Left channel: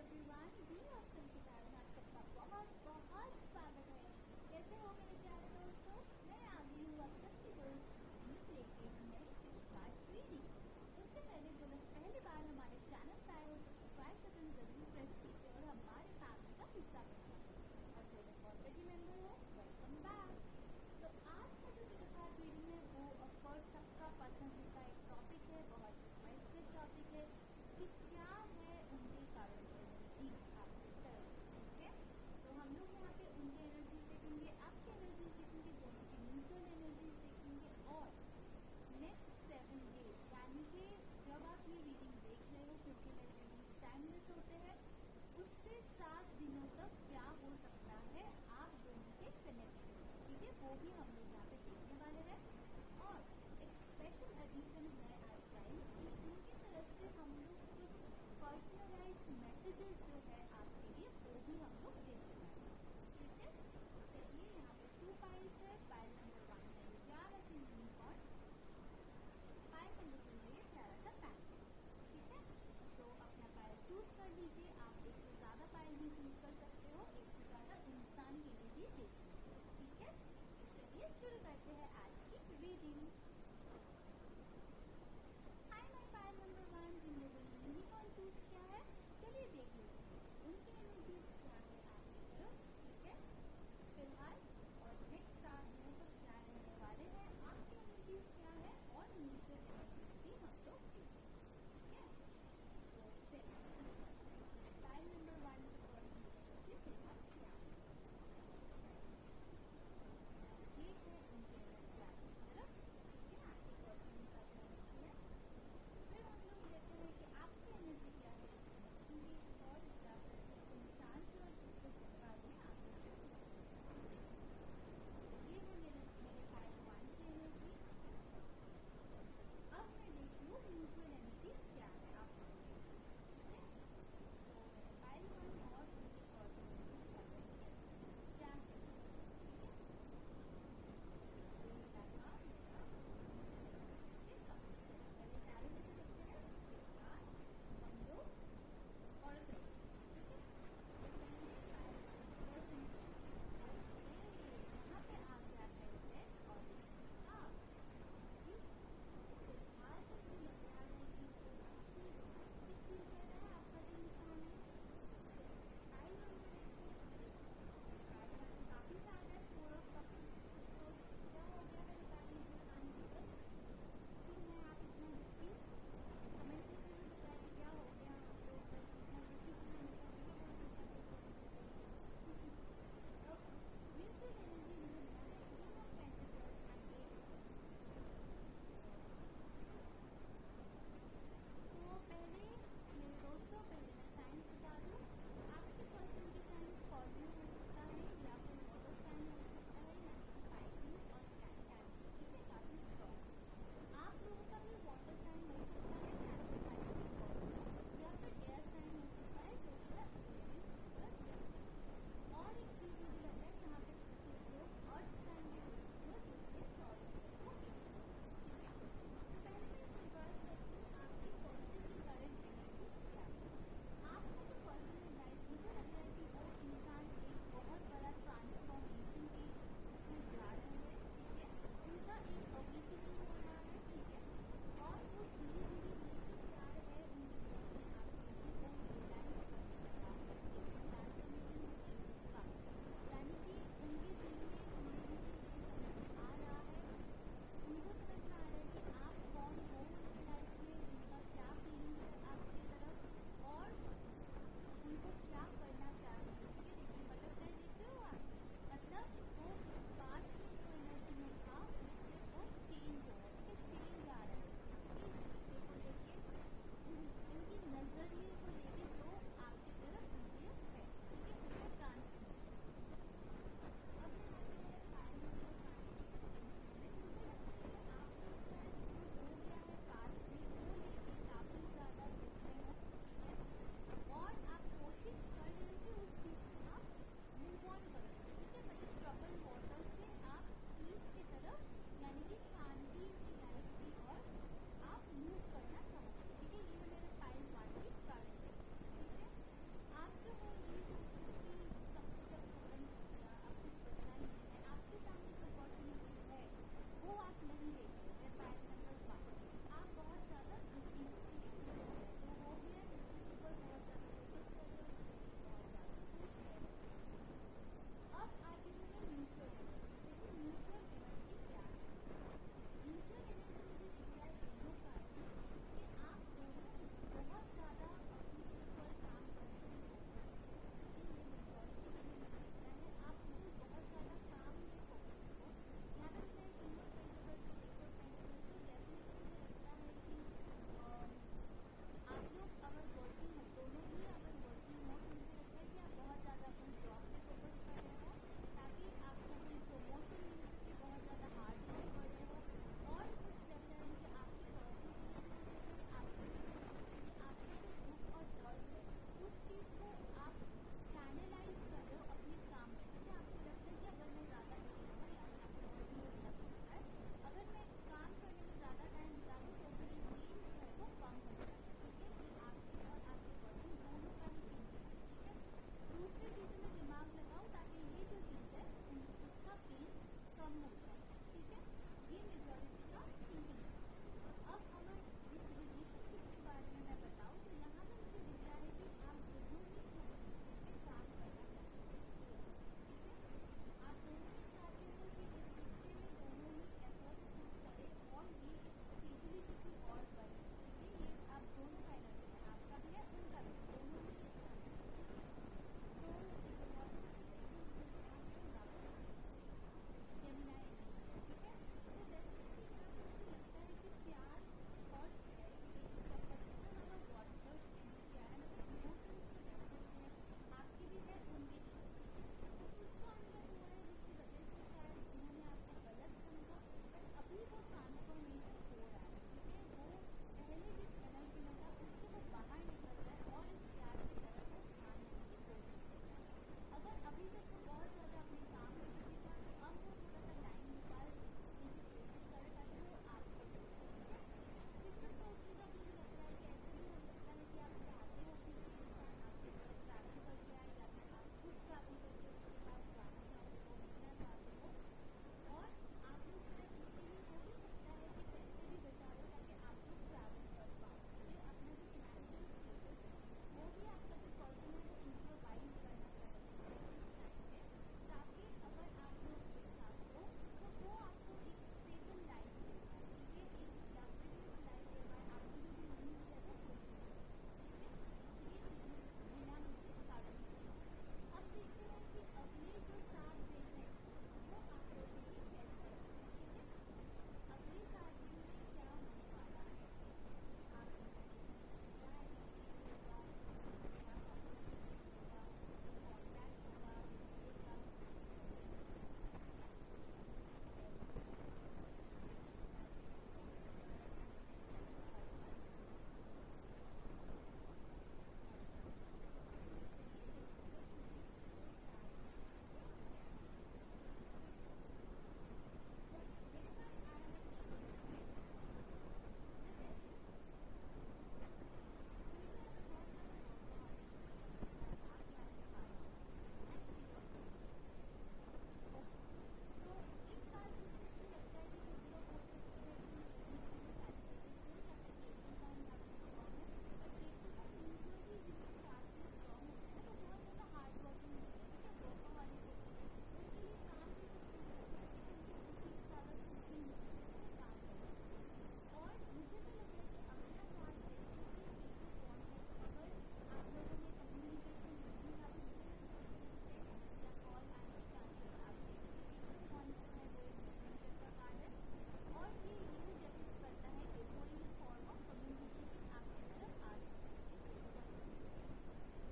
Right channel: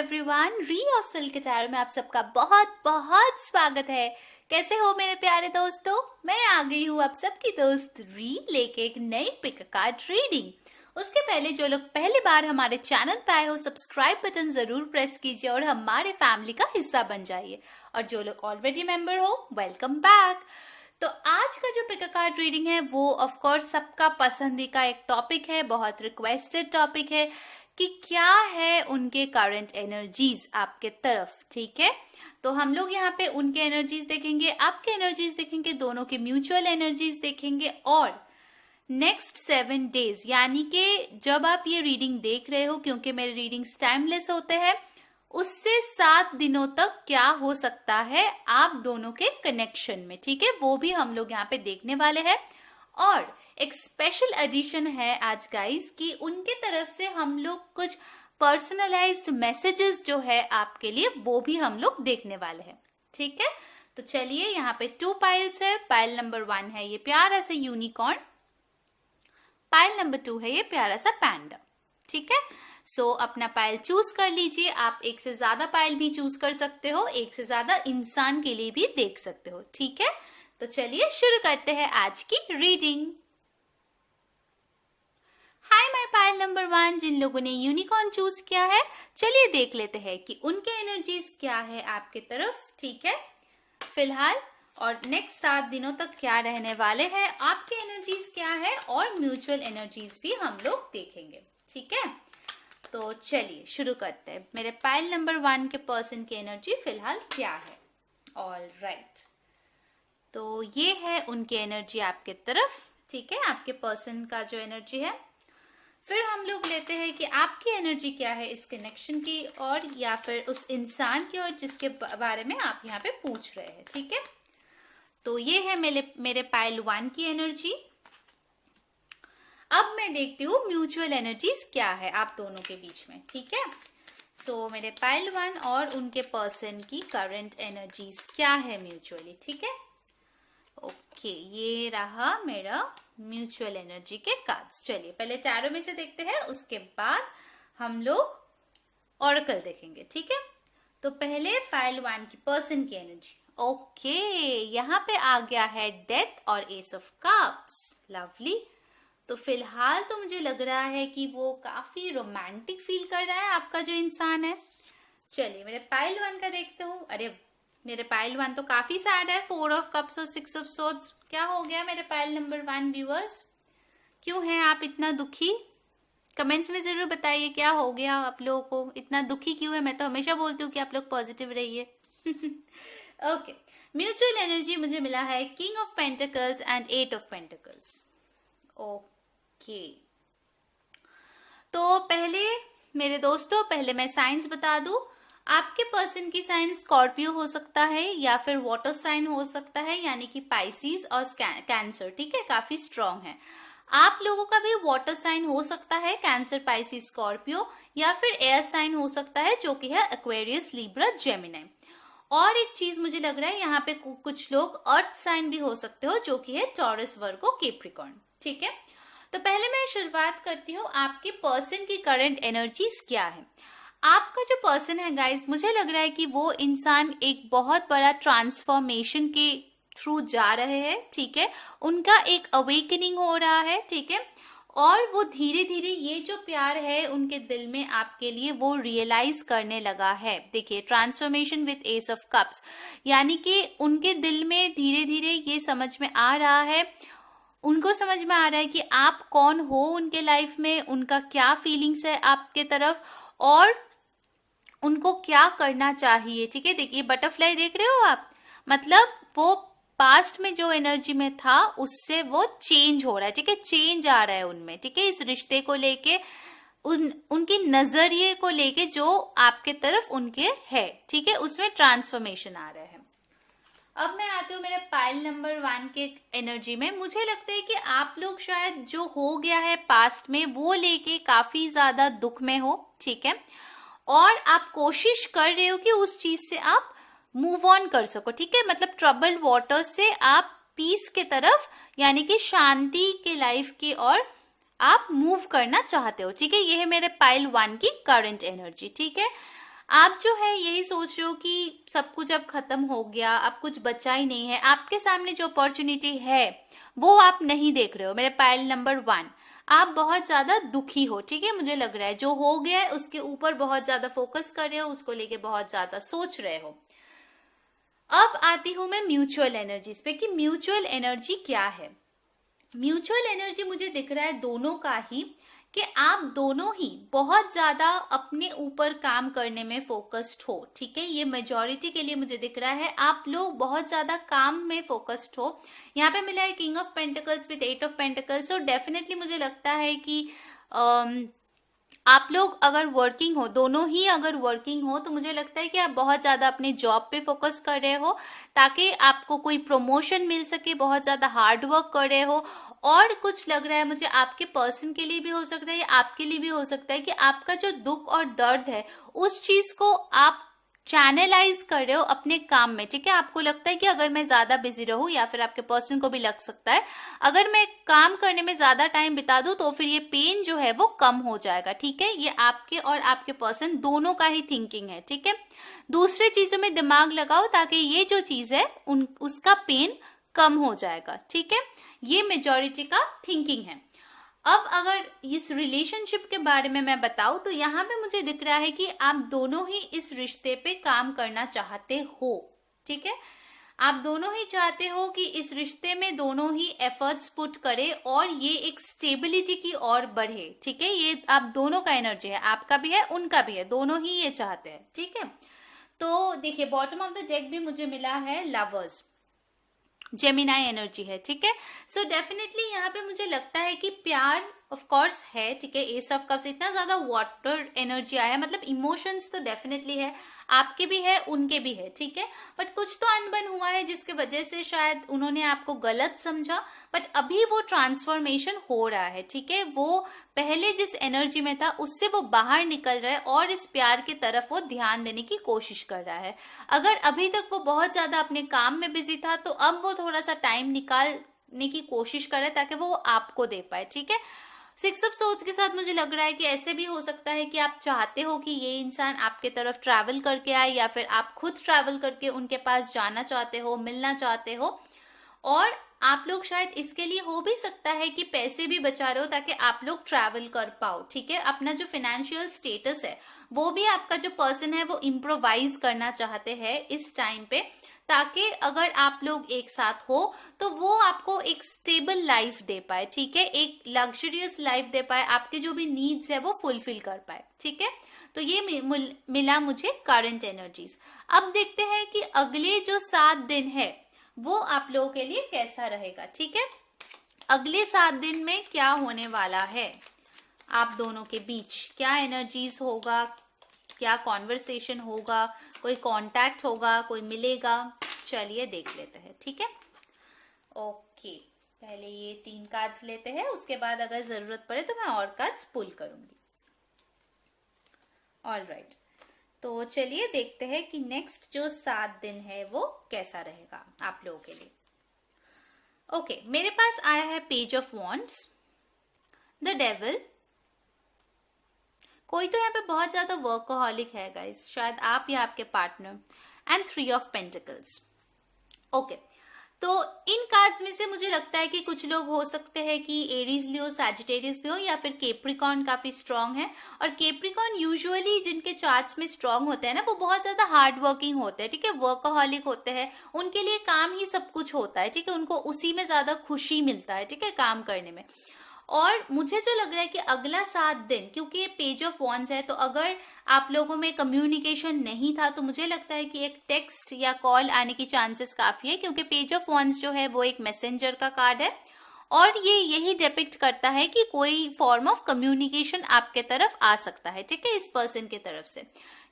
Everyone, री और सिल के टैरो में आप सबका बहुत बहुत स्वागत है। कैसे हो मेरे प्यारे दोस्तों? मैं आ गई हूँ आप सबकी दोस्त री लेके एक नई पिक कार्ड रीडिंग। उसके पहले जो लोग पहली बार हमारे चैनल पे आए हो, सब्सक्राइब बटन जरूर प्रेस कीजिए और हमारे फैमिली का हिस्सा बन जाइए। और जो लोग ऑलरेडी मेंबर हो, वेलकम बैक। तो आज का जो पिक कार्ड रीडिंग है वो ऑफ कोर्स सबका पसंदीदा एक टॉपिक है, बहुत रिक्वेस्टेड टॉपिक है कि क्या है उनके करंट एनर्जीज आपके तरफ। ठीक है, तो हम लोग यहाँ पे उनके एनर्जीज देखेंगे, आपके एनर्जीज देखेंगे, दोनों के म्यूचुअल एनर्जीज देखेंगे। और नेक्स्ट 7 डेज यानी कि जब आप ये रीडिंग देख रहे हो, क्योंकि मेरे रीडिंग्स टाइमलेस होते हैं, उससे 7 दिनों तक क्या हो सकता है आप दोनों के कनेक्शन में। ठीक है, वो भी हम लोग यहाँ पे देखने वाले हैं। और एक स्पेशल एडिशन है आज गाइस कि उनके तरफ से हम लोग कुछ पर्सनलाइज्ड मैसेजेस जो है आपके लिए वो भी हम लोग देखने वाले हैं। ठीक है, तो चलिए यहाँ पे 2 पाइल्स है। पाइल नंबर 1 है ये प्यारा सा यूनिकॉर्न, पाइल नंबर 2 है ये प्यारा सा पैंडा। ठीक है, सो अपना पाइल चूज कर लीजिए। आप एक से ज्यादा पाइल भी चूज कर सकते हो, एक से ज्यादा इंसान के लिए भी देख सकते हो। ठीक है, तो चलिए शुरू करते हैं आज की reading. Hi my pile number 1, जिन लोगों ने यूनिकॉर्न चूज किया है, चलिए देख लेते हैं कि उनके एनर्जीज क्या है आपके तरफ। ठीक है, फिलहाल और नेक्स्ट 7 दिनों तक क्या रहने वाले हैं, आपके एनर्जीज क्या है और म्यूचुअल एनर्जीज भी हम लोग देखेंगे। ठीक है, तो चलिए शुरू करते हैं। मेरे पाइल नंबर 1 के पर्सन की एनर्जी फिलहाल क्या है। ऑल राइट, तो ये है उनकी एनर्जी आपके तरफ। ठीक है, आपके पर्सन का जो एनर्जी है। फिर हम लोग लेते हैं कि आपकी एनर्जी क्या है इस कनेक्शन की, और या फिर उस इंसान की और जिसके बारे में आप यहाँ पे पूछ रहे हैं। ठीक है, तो ये है मेरे पाइल 1 की एनर्जी। अब मैं देखती हूँ म्यूचुअल एनर्जीज क्या है आप दोनों के बीच में। ठीक है, सो मेरे पाइल 1 और उनके पर्सन की करंट एनर्जीज क्या है म्यूचुअली। ठीक है, ओके, ये रहा मेरा म्यूचुअल एनर्जी के कार्ड्स। चलिए पहले टैरो में से देखते हैं, उसके बाद हम लोग ऑरेकल देखेंगे। ठीक है, तो पहले पाइल 1 की पर्सन की एनर्जी। ओके, यहाँ पे आ गया है डेथ और एस ऑफ कप्स। लवली, तो फिलहाल तो मुझे लग रहा है कि वो काफी रोमांटिक फील कर रहा है आपका जो इंसान है। चलिए मेरे पाइल 1 का देखते हूँ। अरे मेरे पाइल 1 तो काफी सैड है, 4 ऑफ कप्स और 6 ऑफ सोर्ड्स। क्या हो गया मेरे पाइल नंबर 1 व्यूअर्स? क्यों हैं आप इतना दुखी? कमेंट्स में जरूर बताइए क्या हो गया आप लोगों को, इतना दुखी क्यों है। मैं तो हमेशा बोलती हूँ कि आप लोग पॉजिटिव रहिए। ओके, म्यूचुअल एनर्जी मुझे मिला है king of pentacles and 8 of pentacles. Okay, तो पहले मेरे दोस्तों, पहले मैं साइंस बता दूं। आपके पर्सन की साइन स्कॉर्पियो हो सकता है या फिर वाटर साइन हो सकता है, यानी कि पाइसिस और कैंसर। ठीक है, काफी स्ट्रॉन्ग है। आप लोगों का भी वाटर साइन हो सकता है, कैंसर, पाइसिस, स्कॉर्पियो, या फिर एयर साइन हो सकता है जो कि है एक्वेरियस, लिब्रा, जेमिनी। और एक चीज मुझे लग रहा है यहाँ पे कुछ लोग अर्थ साइन भी हो सकते हो जो कि है टॉरस, वर्गो, कैप्रिकॉर्न। ठीक है, तो पहले मैं शुरुआत करती हूँ आपके पर्सन की करंट एनर्जीज क्या है। आपका जो पर्सन है गाइस, मुझे लग रहा है कि वो इंसान एक बहुत बड़ा ट्रांसफॉर्मेशन के थ्रू जा रहे हैं। ठीक है, उनका एक अवेकनिंग हो रहा है। ठीक है, और वो धीरे धीरे ये जो प्यार है उनके दिल में आपके लिए वो रियलाइज करने लगा है। देखिए, transformation with S of cups, यानी कि उनके दिल में धीरे धीरे ये समझ में आ रहा है, उनको समझ में आ रहा है कि आप कौन हो उनके लाइफ में, उनका क्या फीलिंग्स है आपके तरफ और उनको क्या करना चाहिए। ठीक है, देखिए बटरफ्लाई देख रहे हो आप, मतलब वो पास्ट में जो एनर्जी में था उससे वो चेंज हो रहा है। ठीक है, चेंज आ रहा है उनमें। ठीक है, इस रिश्ते को लेके, उनकी नजरिए को लेके जो आपके तरफ उनके है। ठीक है, उसमें ट्रांसफॉर्मेशन आ रहा है। अब मैं आती हूँ मेरे पाइल नंबर 1 के एनर्जी में। मुझे लगता है कि आप लोग शायद जो हो गया है पास्ट में वो लेके काफी ज्यादा दुख में हो। ठीक है, और आप कोशिश कर रहे हो कि उस चीज से आप मूव ऑन कर सको। ठीक है, मतलब ट्रबल्ड वाटर से आप पीस के तरफ, यानी कि शांति के लाइफ की ओर आप मूव करना चाहते हो। ठीक है, ये है मेरे पाइल 1 की करंट एनर्जी। ठीक है, आप जो है यही सोच रहे हो कि सब कुछ अब खत्म हो गया, अब कुछ बचा ही नहीं है, आपके सामने जो अपॉर्चुनिटी है वो आप नहीं देख रहे हो। मेरे पाइल नंबर 1, आप बहुत ज्यादा दुखी हो, ठीक है, मुझे लग रहा है जो हो गया है उसके ऊपर बहुत ज्यादा फोकस कर रहे हो, उसको लेके बहुत ज्यादा सोच रहे हो। अब आती हूं मैं म्यूचुअल एनर्जीज पे कि म्यूचुअल एनर्जी क्या है। म्यूचुअल एनर्जी मुझे दिख रहा है दोनों का ही, कि आप दोनों ही बहुत ज्यादा अपने ऊपर काम करने में फोकस्ड हो, ठीक है, ये मेजॉरिटी के लिए मुझे दिख रहा है। आप लोग बहुत ज्यादा काम में फोकस्ड हो। यहाँ पे मिला है king of pentacles with 8 of pentacles, और डेफिनेटली मुझे लगता है कि आप लोग अगर वर्किंग हो, दोनों ही अगर वर्किंग हो, तो मुझे लगता है कि आप बहुत ज़्यादा अपने जॉब पे फोकस कर रहे हो ताकि आपको कोई प्रमोशन मिल सके, बहुत ज़्यादा हार्ड वर्क कर रहे हो। और कुछ लग रहा है मुझे आपके पर्सन के लिए भी हो सकता है या आपके लिए भी हो सकता है कि आपका जो दुख और दर्द है उस चीज़ को आप चैनलाइज कर रहे हो अपने काम में, ठीक है। आपको लगता है कि अगर मैं ज्यादा बिजी रहूं, या फिर आपके पर्सन को भी लग सकता है अगर मैं काम करने में ज्यादा टाइम बिता दूं तो फिर ये पेन जो है वो कम हो जाएगा, ठीक है। ये आपके और आपके पर्सन दोनों का ही थिंकिंग है, ठीक है। दूसरे चीजों में दिमाग लगाओ ताकि ये जो चीज है उसका पेन कम हो जाएगा, ठीक है। ये मेजॉरिटी का थिंकिंग है। अब अगर इस रिलेशनशिप के बारे में मैं बताऊं तो यहाँ पे मुझे दिख रहा है कि आप दोनों ही इस रिश्ते पे काम करना चाहते हो, ठीक है। आप दोनों ही चाहते हो कि इस रिश्ते में दोनों ही एफर्ट्स पुट करे और ये एक स्टेबिलिटी की ओर बढ़े, ठीक है। ये आप दोनों का एनर्जी है, आपका भी है उनका भी है, दोनों ही ये चाहते हैं, ठीक है। तो देखिए बॉटम ऑफ द डेक भी मुझे मिला है लवर्स, जेमिनाई एनर्जी है, ठीक है। सो डेफिनेटली यहाँ पे मुझे लगता है कि प्यार ऑफ कोर्स है, ठीक है। एस ऑफ कप्स, इतना ज्यादा वाटर एनर्जी आया है, मतलब इमोशंस तो डेफिनेटली है, आपके भी है उनके भी है, ठीक है। बट कुछ तो अनबन हुआ है जिसके वजह से शायद उन्होंने आपको गलत समझा, बट अभी वो ट्रांसफॉर्मेशन हो रहा है, ठीक है। वो पहले जिस एनर्जी में था उससे वो बाहर निकल रहा है और इस प्यार की तरफ वो ध्यान देने की कोशिश कर रहा है। अगर अभी तक वो बहुत ज्यादा अपने काम में बिजी था तो अब वो थोड़ा सा टाइम निकालने की कोशिश कर रहा है ताकि वो आपको दे पाए, ठीक है। 6 ऑफ सोर्ड्स के साथ मुझे लग रहा है कि ऐसे भी हो सकता है कि आप चाहते हो कि ये इंसान आपके तरफ ट्रैवल करके आए, या फिर आप खुद ट्रैवल करके उनके पास जाना चाहते हो, मिलना चाहते हो। और आप लोग शायद इसके लिए हो भी सकता है कि पैसे भी बचा रहे हो ताकि आप लोग ट्रैवल कर पाओ, ठीक है। अपना जो फाइनेंशियल स्टेटस है वो भी आपका जो पर्सन है वो इम्प्रोवाइज करना चाहते हैं इस टाइम पे, ताकि अगर आप लोग एक साथ हो तो वो आपको एक स्टेबल लाइफ दे पाए, ठीक है, एक लग्जरियस लाइफ दे पाए, आपके जो भी नीड्स है वो फुलफिल कर पाए, ठीक है। तो ये मिला मुझे करंट एनर्जीज। अब देखते हैं कि अगले जो 7 दिन है वो आप लोगों के लिए कैसा रहेगा, ठीक है। अगले 7 दिन में क्या होने वाला है, आप दोनों के बीच क्या एनर्जीज होगा, क्या कॉन्वर्सेशन होगा, कोई कांटेक्ट होगा, कोई मिलेगा, चलिए देख लेते हैं, ठीक है। ओके, पहले ये 3 कार्ड्स लेते हैं, उसके बाद अगर जरूरत पड़े तो मैं और कार्ड्स पुल करूंगी। ऑलराइट, तो चलिए देखते हैं कि नेक्स्ट जो 7 दिन है वो कैसा रहेगा आप लोगों के लिए। ओके, मेरे पास आया है page of wands, the devil. कोई तो यहाँ पे बहुत ज्यादा वर्कहॉलिक है गाइस, शायद आप या आपके partner, and 3 of pentacles. Okay, तो इन कार्ड्स में से मुझे लगता है कि कुछ लोग हो सकते हैं कि एरीज लियो, सैजिटेरियस भी हो, या फिर केप्रिकॉन काफी स्ट्रांग है। और केप्रिकॉन यूजुअली जिनके चार्ट्स में स्ट्रांग होते हैं ना वो बहुत ज्यादा हार्ड वर्किंग होते हैं, ठीक है, वर्कहॉलिक होते हैं, उनके लिए काम ही सब कुछ होता है, ठीक है, उनको उसी में ज्यादा खुशी मिलता है, ठीक है, काम करने में। और मुझे जो लग रहा है कि अगला 7 दिन, क्योंकि ये पेज ऑफ वॉन्ड्स है, तो अगर आप लोगों में कम्युनिकेशन नहीं था तो मुझे लगता है कि एक टेक्स्ट या कॉल आने की चांसेस काफी है, क्योंकि पेज ऑफ वॉन्ड्स जो है वो एक मैसेंजर का कार्ड है और ये यही डिपिक्ट करता है कि कोई फॉर्म ऑफ कम्युनिकेशन आपके तरफ आ सकता है, ठीक है, इस पर्सन की तरफ से।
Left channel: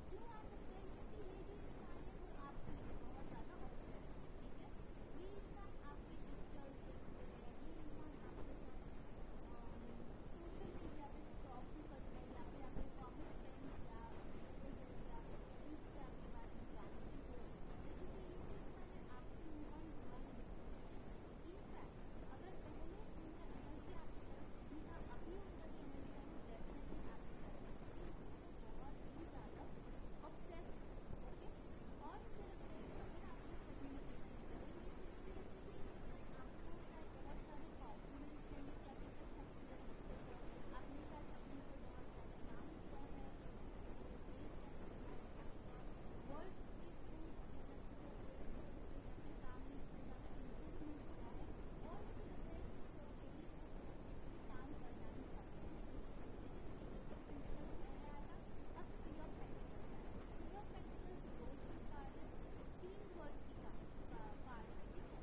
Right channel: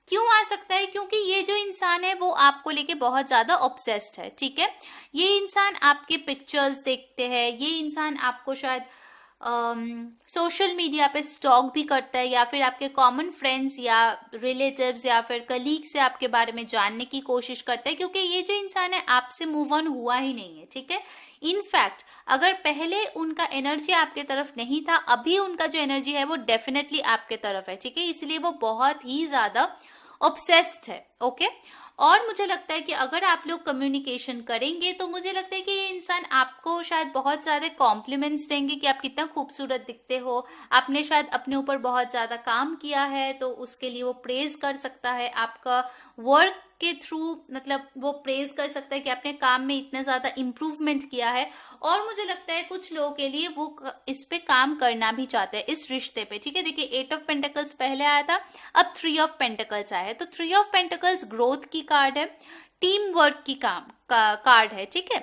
क्यों आ सकता है? क्योंकि ये जो इंसान है वो आपको लेके बहुत ज्यादा ऑब्सेस्ड है, ठीक है। ये इंसान आपके पिक्चर्स देखते हैं, ये इंसान आपको शायद सोशल मीडिया पे स्टॉक भी करता है, या फिर आपके कॉमन फ्रेंड्स या रिलेटिव्स या फिर कलीग से आपके बारे में जानने की कोशिश करता है, क्योंकि ये जो इंसान है आपसे मूव ऑन हुआ ही नहीं है, ठीक है। इनफैक्ट अगर पहले उनका एनर्जी आपके तरफ नहीं था, अभी उनका जो एनर्जी है वो डेफिनेटली आपके तरफ है, ठीक है, इसलिए वो बहुत ही ज्यादा ऑब्सेस्ड है। ओके, और मुझे लगता है कि अगर आप लोग कम्युनिकेशन करेंगे तो मुझे लगता है कि ये इंसान आपको शायद बहुत ज़्यादा कॉम्प्लीमेंट्स देंगे कि आप कितना खूबसूरत दिखते हो, आपने शायद अपने ऊपर बहुत ज़्यादा काम किया है तो उसके लिए वो प्रेज कर सकता है आपका वर्क के थ्रू, मतलब वो प्रेज कर सकता है कि आपने काम में इतना ज़्यादा इम्प्रूवमेंट किया है। और मुझे लगता है कुछ लोगों के लिए वो इस पे काम करना भी चाहते हैं, इस रिश्ते पे। ठीक है, देखिए 8 ऑफ पेंटिकल्स पहले आया था, अब 3 ऑफ पेंटिकल्स आया है। तो 3 ऑफ पेंटिकल्स ग्रोथ की कार्ड है, टीम वर्क की कार्ड है। ठीक है,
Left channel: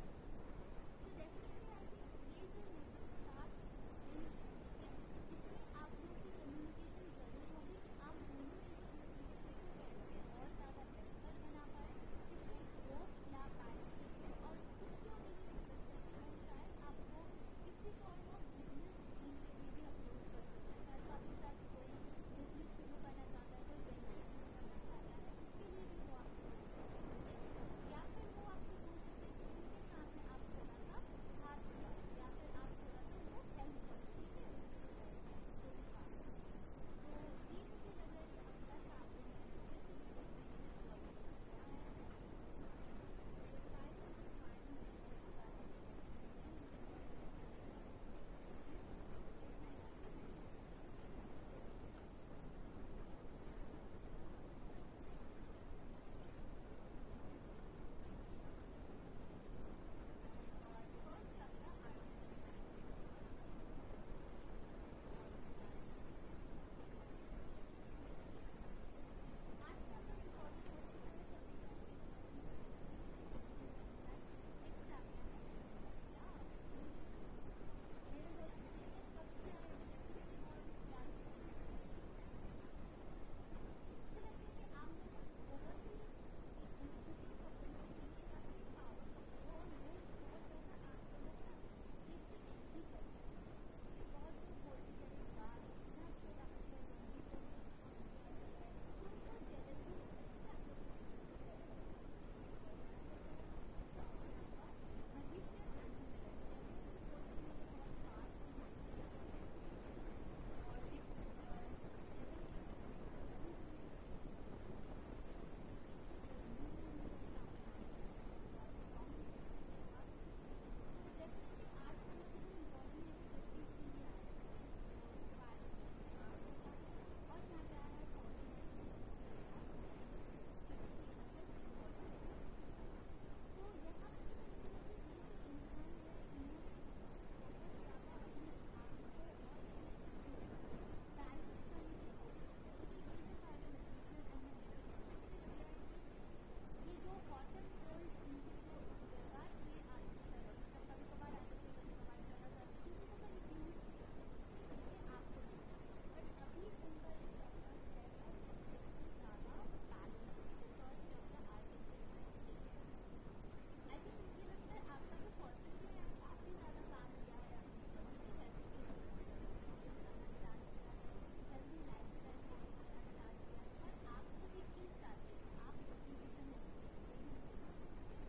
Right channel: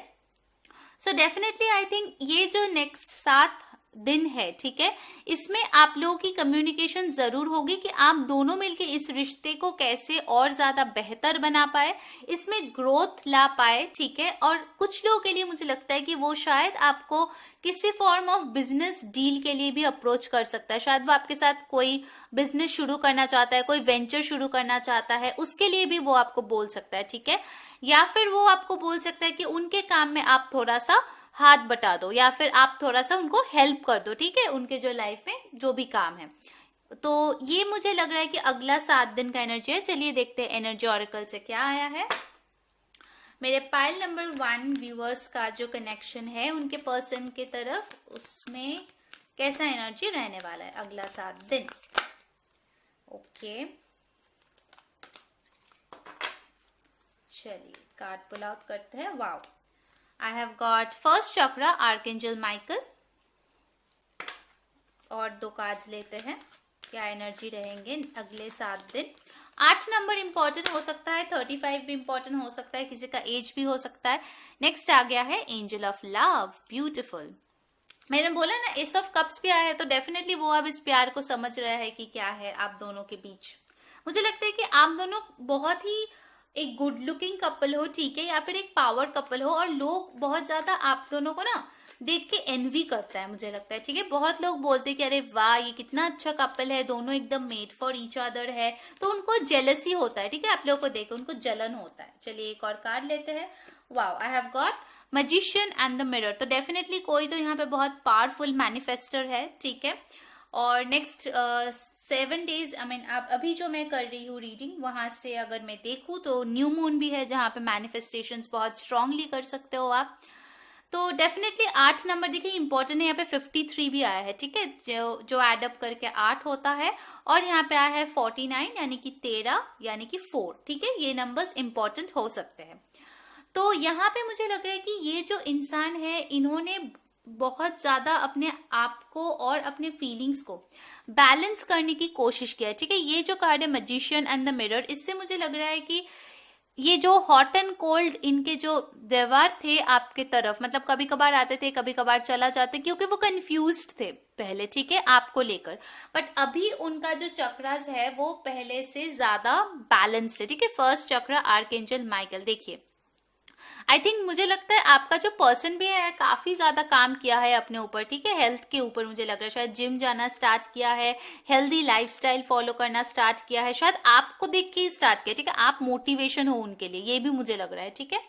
सो डेफिनेटली आई थिंक ये जो नेक्स्ट 7 दिन है, ठीक है, इसमें आप लोगों की कम्युनिकेशन जरूर होगी कि आप दोनों मिलके इस रिश्ते को कैसे और ज्यादा बेहतर बना पाए, इसमें ग्रोथ ला पाए। ठीक है, और कुछ लोगों के लिए मुझे लगता है कि वो शायद आपको किसी फॉर्म ऑफ बिजनेस डील के लिए भी अप्रोच कर सकता है। शायद वो आपके साथ कोई बिजनेस शुरू करना चाहता है, कोई वेंचर शुरू करना चाहता है, उसके लिए भी वो आपको बोल सकता है। ठीक है, या फिर वो आपको बोल सकता है कि उनके काम में आप थोड़ा सा हाथ बटा दो, या फिर आप थोड़ा सा उनको हेल्प कर दो। ठीक है, उनके जो लाइफ में जो भी काम है। तो ये मुझे लग रहा है कि अगला 7 दिन का एनर्जी है। चलिए देखते हैं एनर्जी ऑरेकल से क्या आया है। मेरे पाइल नंबर 1 व्यूअर्स का जो कनेक्शन है उनके पर्सन के तरफ, उसमें कैसा एनर्जी रहने वाला है अगला 7 दिन। ओके, चलिए कार्ड पुल आउट करते हैं। Wow, I have got first chakra Archangel Michael, और 2 कार्ड्स लेते हैं क्या एनर्जी रहेंगे अगले 7 दिन। 8 नंबर इंपॉर्टेंट हो सकता है, 35 भी इंपॉर्टेंट हो सकता है, किसी का एज भी हो सकता है। नेक्स्ट आ गया है एंजल ऑफ लव, ब्यूटीफुल। मैंने बोला ना एस ऑफ कप्स भी आया है, तो डेफिनेटली वो अब इस प्यार को समझ रहा है कि क्या है आप दोनों के बीच। मुझे लगता है कि आप दोनों बहुत ही एक गुड लुकिंग कपल हो, ठीक है, या फिर एक पावर कपल हो, और लोग बहुत ज्यादा आप दोनों को ना देख के एनवी करता है मुझे लगता है। ठीक है, बहुत लोग बोलते हैं कि अरे वाह ये कितना अच्छा कपल है, दोनों एकदम मेड फॉर ईच अदर है, तो उनको जेलसी होता है। ठीक है, आप लोगों को देख उनको जलन होता है। चलिए एक और कार्ड लेते हैं। Wow, I have got magician and the mirror. तो डेफिनेटली कोई तो यहाँ पे बहुत पावरफुल मैनिफेस्टर है। ठीक है, और नेक्स्ट 7 डेज, आई मीन आप अभी जो मैं कर रही हूँ रीडिंग, वहां से अगर मैं देखूँ तो न्यू मून भी है जहाँ पे मैनिफेस्टेशंस बहुत स्ट्रांगली कर सकते हो आप। तो डेफिनेटली 8 नंबर देखिए इंपॉर्टेंट है, यहाँ पे 53 भी आया है। ठीक है, जो एडअप करके 8 होता है, और यहाँ पे आया है 49 यानी कि 13 यानी कि 4। ठीक है, ये नंबर्स इंपॉर्टेंट हो सकते हैं। तो यहाँ पे मुझे लग रहा है कि ये जो इंसान है इन्होंने बहुत ज्यादा अपने आप को और अपने फीलिंग्स को बैलेंस करने की कोशिश किया है। ठीक है, ये जो कार्ड है मैजिशियन एंड द मिरर, इससे मुझे लग रहा है कि ये जो हॉट एंड कोल्ड इनके जो व्यवहार थे आपके तरफ, मतलब कभी कभार आते थे कभी कभार चला जाते, क्योंकि वो कंफ्यूज्ड थे पहले। ठीक है, आपको लेकर, बट अभी उनका जो चक्रास है वो पहले से ज्यादा बैलेंस्ड है। ठीक है, फर्स्ट चक्र आर्कएंजल माइकल। देखिए आई थिंक मुझे लगता है आपका जो पर्सन भी है काफी ज्यादा काम किया है अपने ऊपर। ठीक है, हेल्थ के ऊपर मुझे लग रहा है, शायद जिम जाना स्टार्ट किया है, हेल्दी लाइफस्टाइल फॉलो करना स्टार्ट किया है, शायद आपको देख के ही स्टार्ट किया। ठीक है, आप मोटिवेशन हो उनके लिए, ये भी मुझे लग रहा है। ठीक है,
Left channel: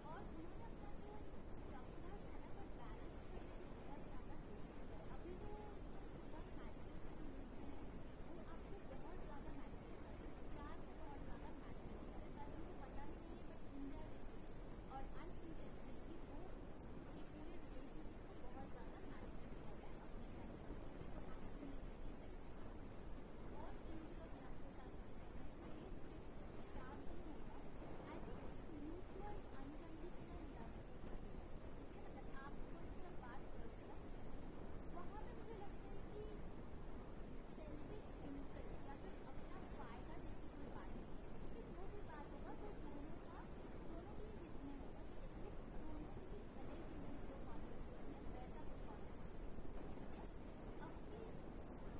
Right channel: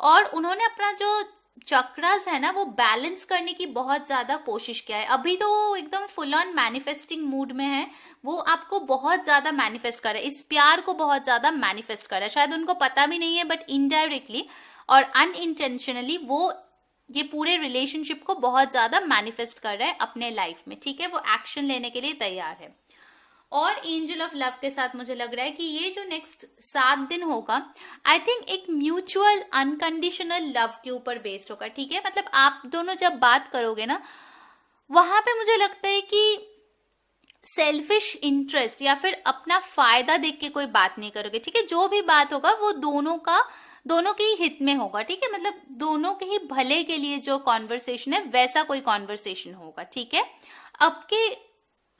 और उन्होंने अपना जो चक्रास है ना वो बैलेंस करने की बहुत ज्यादा कोशिश किया है। अभी तो वो एकदम फुल ऑन मैनिफेस्टिंग मूड में है, वो आपको बहुत ज्यादा मैनिफेस्ट कर रहा है, इस प्यार को बहुत ज्यादा मैनिफेस्ट कर रहा है। शायद उनको पता भी नहीं है, बट इनडायरेक्टली और अनइंटेंशनली वो ये पूरे रिलेशनशिप को बहुत ज्यादा मैनिफेस्ट कर रहा है अपने लाइफ में। ठीक है, वो एक्शन लेने के लिए तैयार है। और एंजल ऑफ लव के साथ मुझे लग रहा है कि ये जो नेक्स्ट 7 दिन होगा आई थिंक एक म्यूचुअल अनकंडीशनल लव के ऊपर बेस्ड होगा। ठीक है, मतलब आप दोनों जब बात करोगे ना वहां पे मुझे लगता है कि सेल्फिश इंटरेस्ट या फिर अपना फायदा देख के कोई बात नहीं करोगे। ठीक है, जो भी बात होगा वो दोनों के ही हित में होगा। ठीक है, मतलब दोनों के ही भले के लिए जो कॉन्वर्सेशन है वैसा कोई कॉन्वर्सेशन होगा। ठीक है, आपके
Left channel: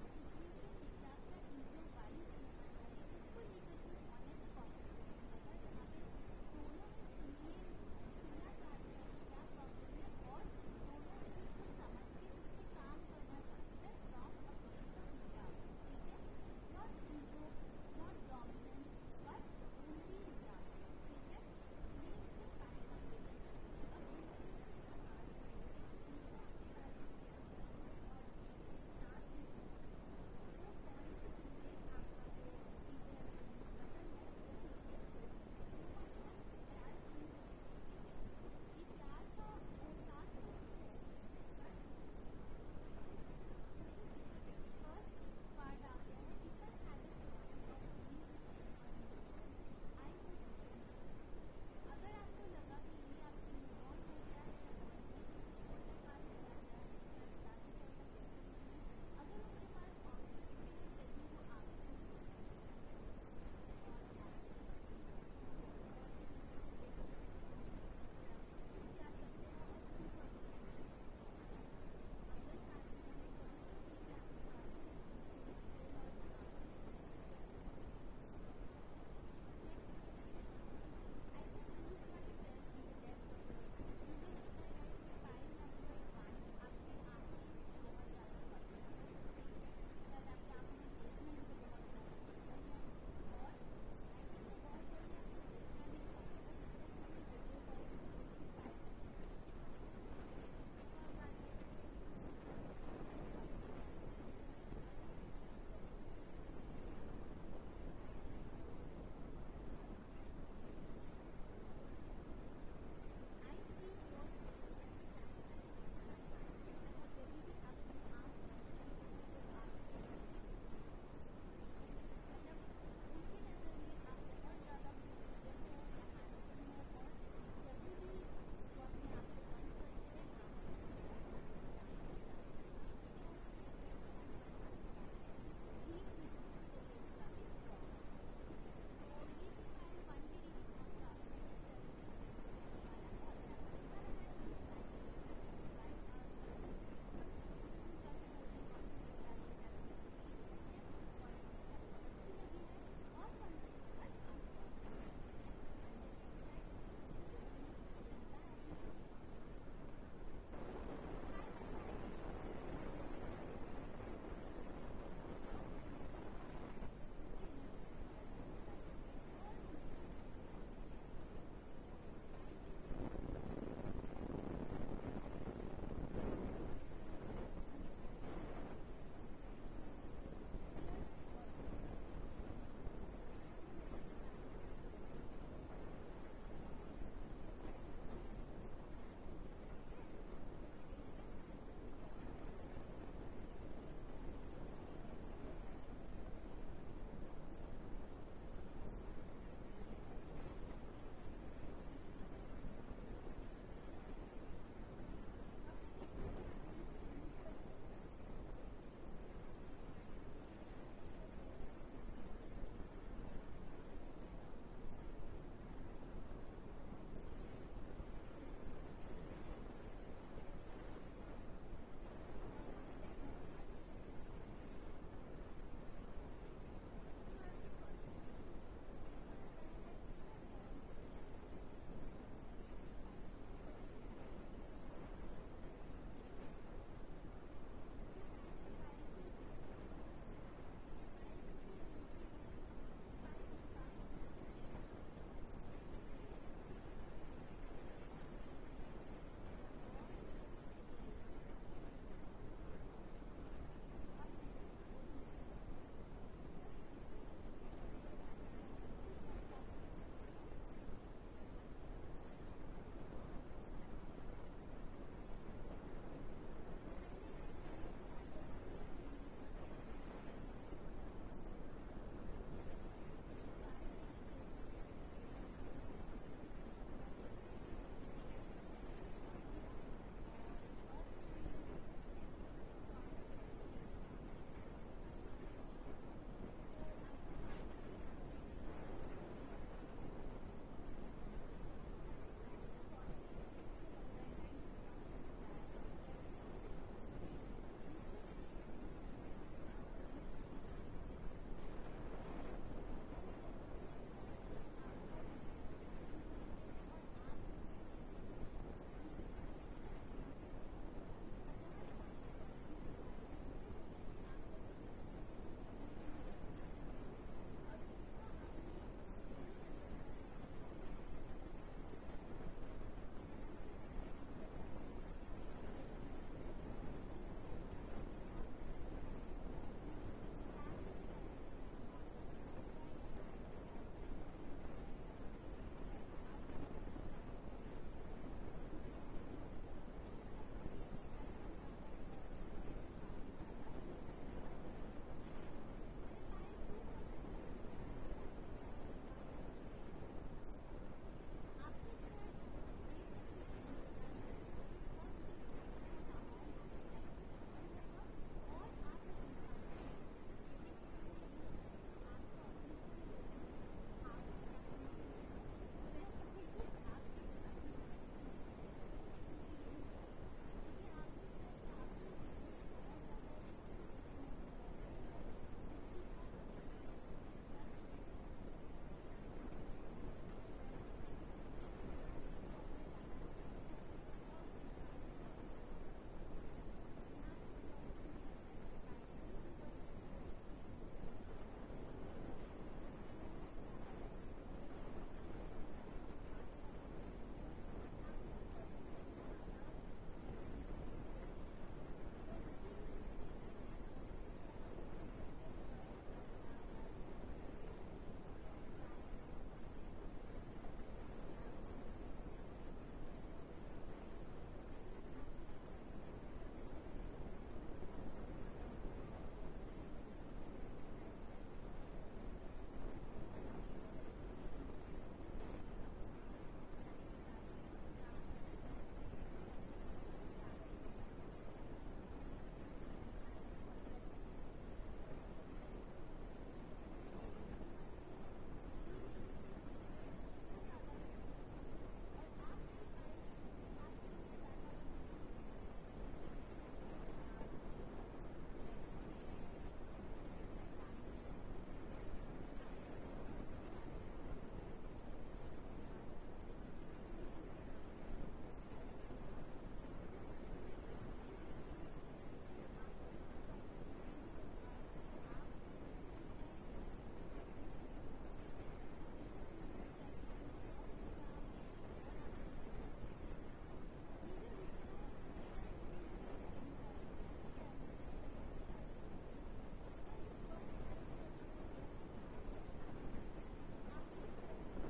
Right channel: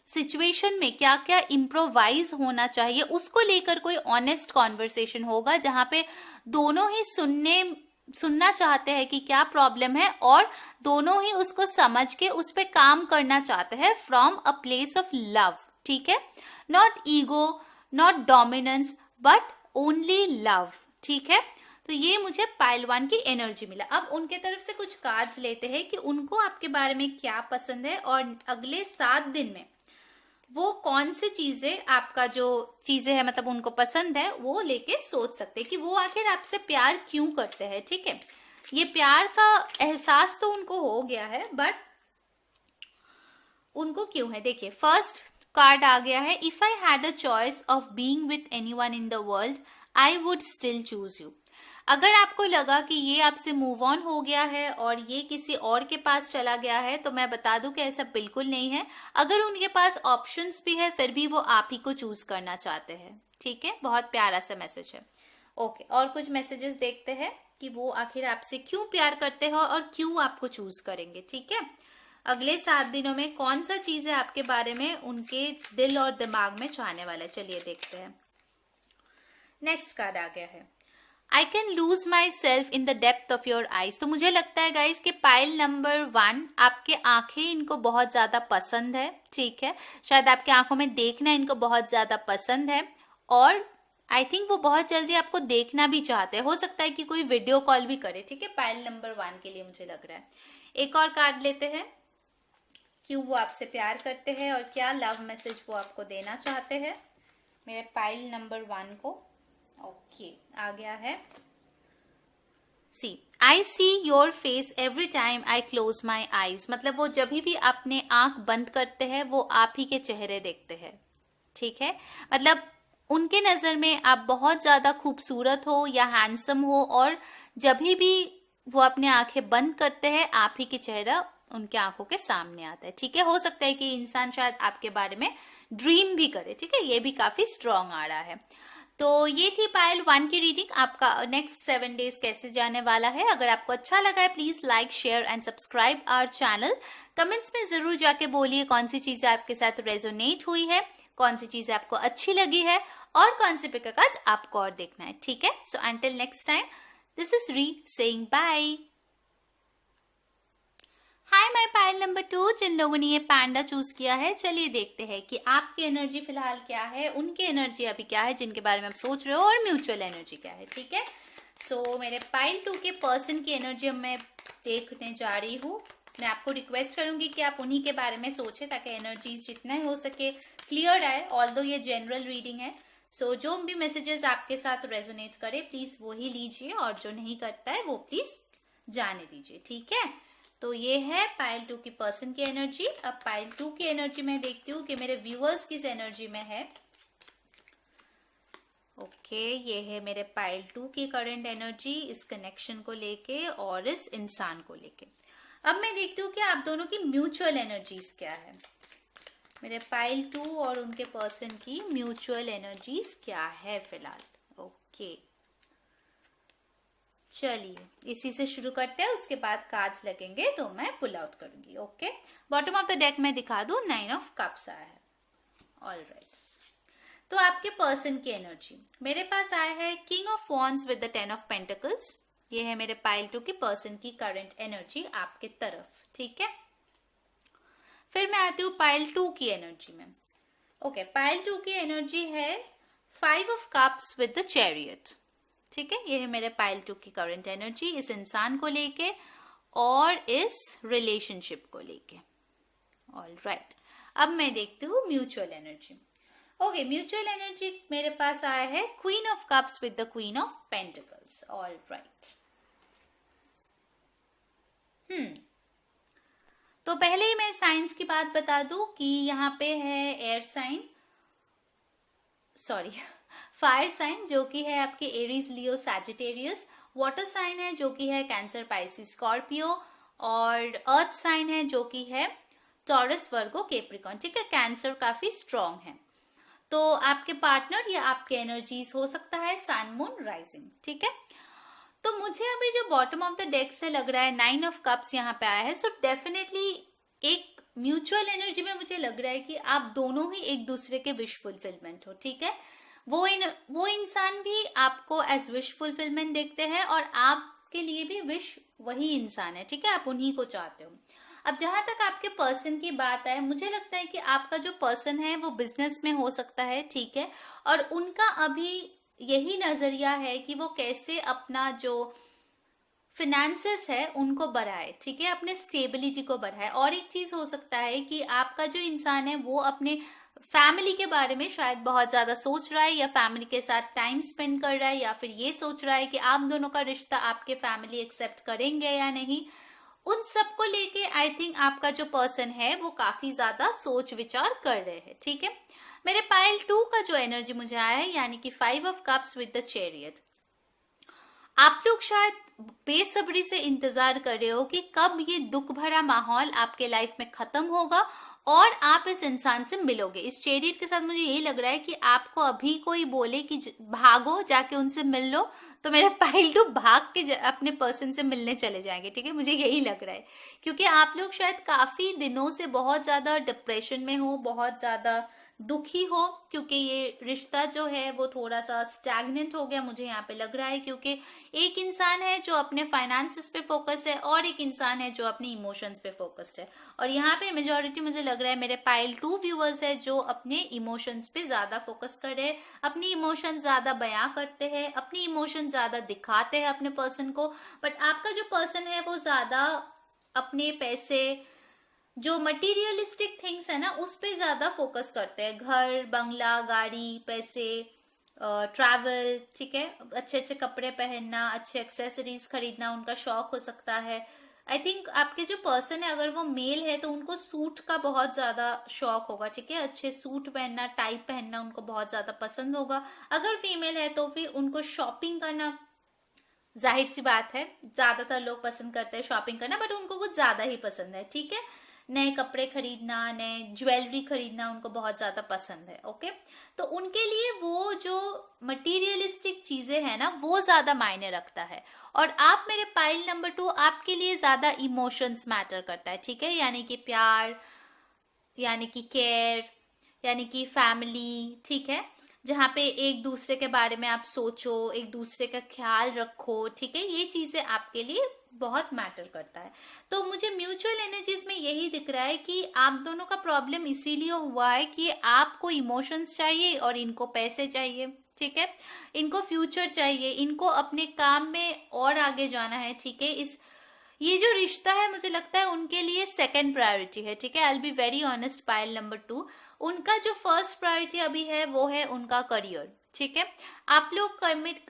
सिचुएशन में क्या क्या इम्प्रोवाइज होना चाहिए उसको लेकर कोई ऑनेस्ट कॉन्वर्सेशन होगा, जहां पे दोनों ही सुनना चाहते हैं कि क्या प्रॉब्लम है, और दोनों ही उसको समझ के उस पर काम करना चाहते हैं from a place of love. ठीक है, not ego, not dominance, but only love. ठीक है, तो ये मुझे पाइल 1 की एनर्जी मिला। अब उनके तरफ से कुछ कार्ड्स लेते हैं कि उनको आपके बारे में क्या पसंद है, और अगले 7 दिन में वो कौन सी चीजें आपका जो चीजें है मतलब उनको पसंद है वो लेके सोच सकते हैं कि वो आखिर आपसे प्यार क्यों करते हैं। ठीक है, ये प्यार का एहसास तो उनको हो गया है, बट उनको क्यों है। देखिए फर्स्ट कार्ड आ गया है, if I had a choice of being with anyone in the world I would still choose you. अगर आपको लगा कि ये आपसे मूव ऑन हो गया है और ये किसी और के पास चला गया है, तो मैं बता दूं कि ऐसा बिल्कुल नहीं है। अगर उनके पास ऑप्शंस भी है फिर भी वो आप ही को चूज करना चाहते हैं। ठीक है, बहुत प्यारा सा मैसेज है। ओके, और कुछ मैसेजेस देखते हैं कि वो आखिर आपसे क्यों प्यार करते हो और क्यों आपको चूज करेंगे। ठीक है, अगले 7 दिनों में कौन सा चीज है आपके बारे में उनके दिल और दिमाग में चाहने वाला है, चलिए देखते हैं। नेक्स्ट कार्ड आ गया है, I can lose my self in the depth of your eyes. तो मुझे लगता है गाइज कि पाइल नंबर 1 आपके आंखें इनको बहुत ज्यादा पसंद है। ठीक है, शायद आपके आंखों में देखना इनको बहुत ज्यादा पसंद है और आई थिंक वो बहुत जल्दी आपको देखना भी चाहते हैं। हो सकता है कि कोई वीडियो कॉल भी करे। ठीक है, पाइल नंबर 1 के लिए मुझे लग रहा है। एक और कार्ड लेते हैं, क्यों वो आपसे प्यार करते हैं और क्या लव मैसेज वो आपको देना चाहते हैं मेरे पाइल नंबर 1 को। ओके, आ गया है, see I see your face every time I close my eyes. मतलब वो जब भी अपने आंख बंद करते हैं वो आप ही के चेहरे देखते हैं। ठीक है, मतलब उनके नजर में आप बहुत ज्यादा खूबसूरत हो या हैंडसम हो और जब भी वो अपने आंखें बंद करते हैं आप ही के चेहरा उनके आंखों के सामने आता है। ठीक है, हो सकता है कि इंसान शायद आपके बारे में ड्रीम भी करे। ठीक है, ये भी काफी स्ट्रॉन्ग आ रहा है। तो ये थी पाइल 1 की रीडिंग। आपका नेक्स्ट 7 डेज कैसे जाने वाला है। अगर आपको अच्छा लगा है please like share and subscribe our channel. Comments में जरूर जाके बोलिए कौन सी चीजें आपके साथ रेजोनेट हुई है, कौन सी चीजें आपको अच्छी लगी है और कौन से पिक कार्ड्स आपको और देखना है। ठीक है, so until next time, this is री saying bye. Hi my pile number 2, जिन लोगों ने ये पैंडा चूज किया है, चलिए देखते हैं कि आपकी एनर्जी फिलहाल क्या है, उनकी एनर्जी अभी क्या है जिनके बारे में आप सोच रहे हो, और म्यूचुअल एनर्जी क्या है। ठीक है, सो मेरे पाइल 2 के पर्सन की एनर्जी अब मैं देखने जा रही हूँ। मैं आपको रिक्वेस्ट करूंगी कि आप उन्हीं के बारे में सोचें ताकि एनर्जीज जितना हो सके क्लियर आए। ऑल्दो ये जनरल रीडिंग है, सो जो भी मैसेजेस आपके साथ रेजोनेट करे प्लीज वो ही लीजिए और जो नहीं करता है वो प्लीज जाने दीजिए। ठीक है, तो ये है पाइल 2 की पर्सन की एनर्जी। अब पाइल 2 की एनर्जी मैं देखती हूँ कि मेरे व्यूअर्स किस एनर्जी में है। ओके, ये है मेरे पाइल 2 की करंट एनर्जी इस कनेक्शन को लेके और इस इंसान को लेके। अब मैं देखती हूँ कि आप दोनों की म्यूचुअल एनर्जीज क्या है। मेरे पाइल 2 और उनके पर्सन की म्यूचुअल एनर्जीज क्या है फिलहाल। ओके, चलिए इसी से शुरू करते हैं, उसके बाद कार्ड्स लगेंगे तो मैं पुल आउट करूंगी। Okay, bottom of the deck में दिखा दूं 9 ऑफ कप्स आया है। ऑलराइट, तो आपके पर्सन की एनर्जी मेरे पास आया है king of wands with the 10 of pentacles. ये है मेरे पाइल 2 की पर्सन की करंट एनर्जी आपके तरफ। ठीक है, फिर मैं आती हूँ पाइल 2 की एनर्जी में। ओके, पाइल 2 की एनर्जी है 5 of cups with the chariot. ठीक है, ये है मेरे पाइल 2 की करंट एनर्जी इस इंसान को लेके और इस रिलेशनशिप को लेके। ऑलराइट, अब मैं देखती हूँ mutual energy. Okay, mutual energy मेरे पास आया है queen of cups with the queen of pentacles. Alright, तो पहले ही मैं साइंस की बात बता दूं कि यहाँ पे है air sign, sorry fire sign जो कि है आपके Aries Leo Sagittarius, water sign है जो कि है कैंसर पाइसिस स्कॉर्पियो, और अर्थ साइन है जो कि है टॉरस वर्गो कैप्रिकॉर्न। ठीक है, कैंसर काफी स्ट्रॉन्ग है। तो आपके पार्टनर या आपके एनर्जीज हो सकता है सन मून राइजिंग। ठीक है, तो मुझे अभी जो बॉटम ऑफ द डेक से लग रहा है 9 ऑफ कप्स यहाँ पे आया है, सो डेफिनेटली एक म्यूचुअल एनर्जी में मुझे लग रहा है कि आप दोनों ही एक दूसरे के विश फुलफिलमेंट हो। ठीक है, वो इंसान भी आपको एज विश फुलफिलमेंट देखते हैं और आपके लिए भी विश वही इंसान है। ठीक है, आप उन्हीं को चाहते हो। अब जहां तक आपके पर्सन की बात है, मुझे लगता है कि आपका जो पर्सन है वो बिजनेस में हो सकता है। ठीक है, और उनका अभी यही नजरिया है कि वो कैसे अपना जो फिनेंसेस है उनको बढ़ाए। ठीक है, अपने स्टेबिलिटी को बढ़ाए। और एक चीज हो सकता है कि आपका जो इंसान है वो अपने फैमिली के बारे में शायद बहुत ज्यादा सोच रहा है, या फैमिली के साथ टाइम स्पेंड कर रहा है, या फिर ये सोच रहा है कि आप दोनों का रिश्ता आपके फैमिली एक्सेप्ट करेंगे या नहीं। उन सब को लेके आई थिंक आपका जो पर्सन है वो काफी ज्यादा सोच विचार कर रहे हैं, ठीक है। मेरे पाइल 2 का जो एनर्जी मुझे आया है, यानी कि 5 of cups with the chariot. आप लोग शायद बेसब्री से इंतजार कर रहे हो कि कब ये दुख भरा माहौल आपके लाइफ में खत्म होगा और आप इस इंसान से मिलोगे। इस चैरियट के साथ मुझे यही लग रहा है कि आपको अभी कोई बोले कि भागो जाके उनसे मिल लो, तो मेरा पाइल 2 भाग के अपने पर्सन से मिलने चले जाएंगे, ठीक है। मुझे यही लग रहा है, क्योंकि आप लोग शायद काफी दिनों से बहुत ज्यादा डिप्रेशन में हो, बहुत ज्यादा दुखी हो, क्योंकि ये रिश्ता जो है वो थोड़ा सा स्टैग्नेंट हो गया, मुझे यहाँ पे लग रहा है। क्योंकि एक इंसान है जो अपने फाइनेंसेस पे फोकस है और एक इंसान है जो अपने इमोशंस पे फोकस्ड है, और यहाँ पे मेजॉरिटी मुझे लग रहा है मेरे पाइल 2 व्यूअर्स है जो अपने इमोशंस पे ज्यादा फोकस कर रहे हैं, अपनी इमोशन ज्यादा बयां करते हैं, अपनी इमोशन ज्यादा दिखाते हैं अपने पर्सन को। बट आपका जो पर्सन है वो ज्यादा अपने पैसे, जो मटेरियलिस्टिक थिंग्स है ना, उस पे ज्यादा फोकस करते हैं। घर, बंगला, गाड़ी, पैसे, ट्रैवल, ठीक है, अच्छे अच्छे कपड़े पहनना, अच्छे एक्सेसरीज खरीदना उनका शौक हो सकता है। आई थिंक आपके जो पर्सन है, अगर वो मेल है तो उनको सूट का बहुत ज्यादा शौक होगा, ठीक है, अच्छे सूट पहनना, टाई पहनना उनको बहुत ज्यादा पसंद होगा। अगर फीमेल है तो भी उनको शॉपिंग करना, जाहिर सी बात है ज्यादातर लोग पसंद करते हैं शॉपिंग करना, बट उनको कुछ ज्यादा ही पसंद है, ठीक है। नए कपड़े खरीदना, नए ज्वेलरी खरीदना उनको बहुत ज्यादा पसंद है, ओके। तो उनके लिए वो जो मटेरियलिस्टिक चीजें हैं ना, वो ज्यादा मायने रखता है। और आप मेरे पाइल नंबर 2, आपके लिए ज्यादा इमोशंस मैटर करता है, ठीक है, यानी कि प्यार, यानी कि केयर, यानी कि फैमिली, ठीक है, जहाँ पे एक दूसरे के बारे में आप सोचो, एक दूसरे का ख्याल रखो, ठीक है, ये चीजें आपके लिए बहुत मैटर करता है। तो मुझे म्यूचुअल एनर्जीज में यही दिख रहा है कि आप दोनों का प्रॉब्लम इसीलिए हुआ है कि आपको इमोशंस चाहिए और इनको पैसे चाहिए, ठीक है, इनको फ्यूचर चाहिए, इनको अपने काम में और आगे जाना है, ठीक है। ये जो रिश्ता है मुझे लगता है उनके लिए सेकंड प्रायोरिटी है, ठीक है। I will be very honest, pile number 2, उनका जो फर्स्ट प्रायोरिटी अभी है वो है उनका करियर, ठीक है। आप लोग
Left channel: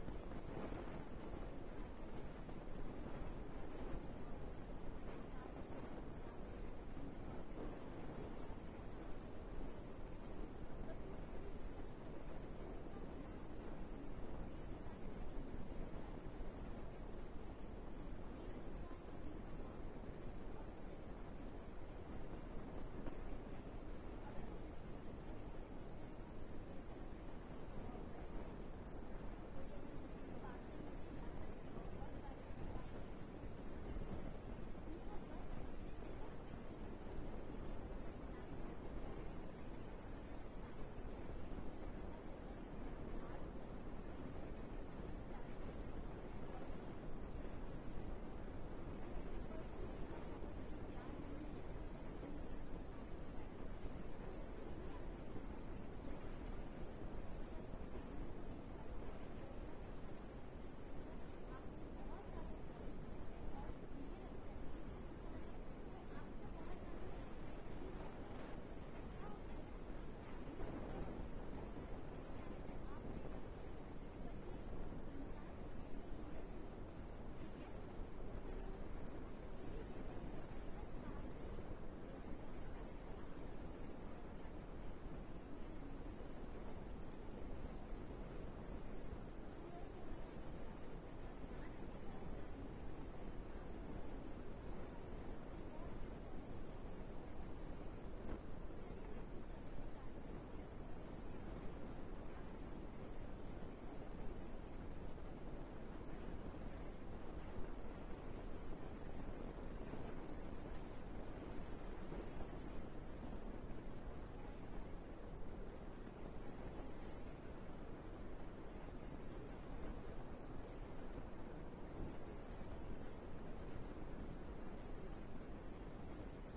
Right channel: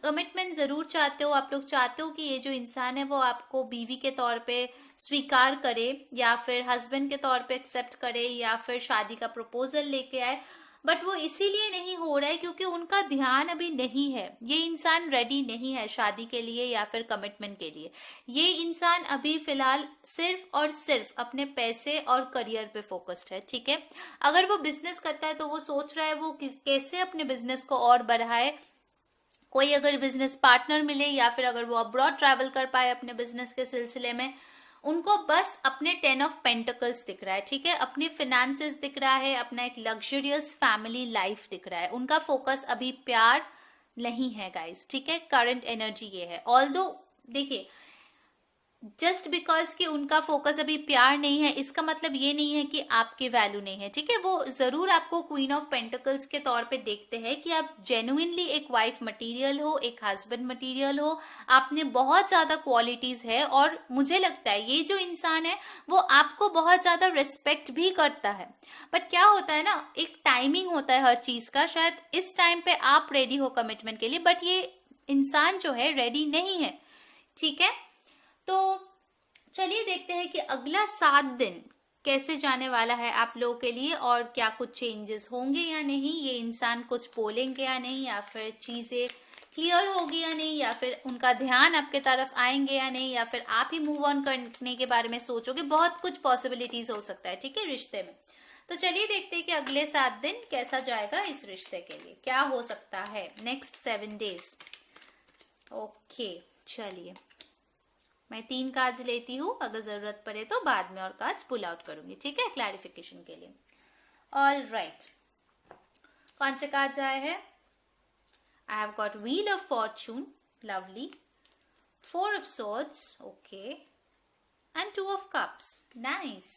कमिटमेंट जरूर चाहते हो, आप लोग चाहते हो कि ये जो इंसान है वो आपको बीवी के तौर पे स्वीकार करे, या फिर हस्बैंड के तौर पे एक्सेप्ट करे, या फिर शादी का प्रपोजल लेके आए। बट वो इसीलिए नहीं हो रहा है क्योंकि उनका ध्यान अभी नहीं है, ये इंसान रेडी नहीं है शादी के लिए या फिर कमिटमेंट के लिए। ये इंसान अभी फिलहाल सिर्फ और सिर्फ अपने पैसे और करियर पे फोकस्ड है, ठीक है। अगर वो बिजनेस करता है तो वो सोच रहा है वो कैसे अपने बिजनेस को और बढ़ाए, कोई अगर बिजनेस पार्टनर मिले, या फिर अगर वो अब्रॉड ट्रैवल कर पाए अपने बिजनेस के सिलसिले में। उनको बस अपने 10 ऑफ पेंटिकल्स दिख रहा है, ठीक है, अपनी फिनेंसेस दिख रहा है, अपना एक लग्जरियस फैमिली लाइफ दिख रहा है। उनका फोकस अभी प्यार नहीं है गाइस, ठीक है, करंट एनर्जी ये है। ऑल्दो देखिए, जस्ट बिकॉज कि उनका फोकस अभी प्यार नहीं है, इसका मतलब ये नहीं है कि आपकी वैल्यू नहीं है, ठीक है। वो जरूर आपको क्वीन ऑफ पेंटिकल्स के तौर पे देखते हैं कि आप जेन्युइनली एक वाइफ मटेरियल हो, एक हस्बैंड मटेरियल हो, आपने बहुत ज्यादा क्वालिटीज है। और मुझे लगता है ये जो इंसान है वो आपको बहुत ज्यादा रिस्पेक्ट भी करता है। बट क्या होता है ना, एक टाइमिंग होता है हर चीज का, शायद इस टाइम पे आप रेडी हो कमिटमेंट के लिए, बट ये इंसान जो है रेडी नहीं है, ठीक है। तो चलिए देखते हैं कि अगला 7 दिन कैसे जाने वाला है आप लोगों के लिए, और क्या कुछ चेंजेस होंगे या नहीं, ये इंसान कुछ बोलेंगे या नहीं, या फिर चीजें क्लियर होगी या नहीं, या फिर उनका ध्यान आपके तरफ आएंगे या नहीं, या फिर आप ही मूव ऑन करने के बारे में सोचोगे। बहुत कुछ पॉसिबिलिटीज हो सकता है, ठीक है, रिश्ते में। तो चलिए देखते हैं कि अगले 7 दिन कैसा जाएगा इस रिश्ते के लिए, क्या हो सकता है नेक्स्ट 7 डेज। ओके, चलिए मैं 3 कार्ड्स लेती हूँ, अगर जरूरत पड़े तो बाद में और कार्ड्स पुल आउट करूंगी, ठीक है, क्लैरिफिकेशन के लिए। ऑल राइट, कौन से कार्ड्स आए हैं? I have got wheel of Fortune, lovely, 4 of swords, okay, and 2 of cups, nice.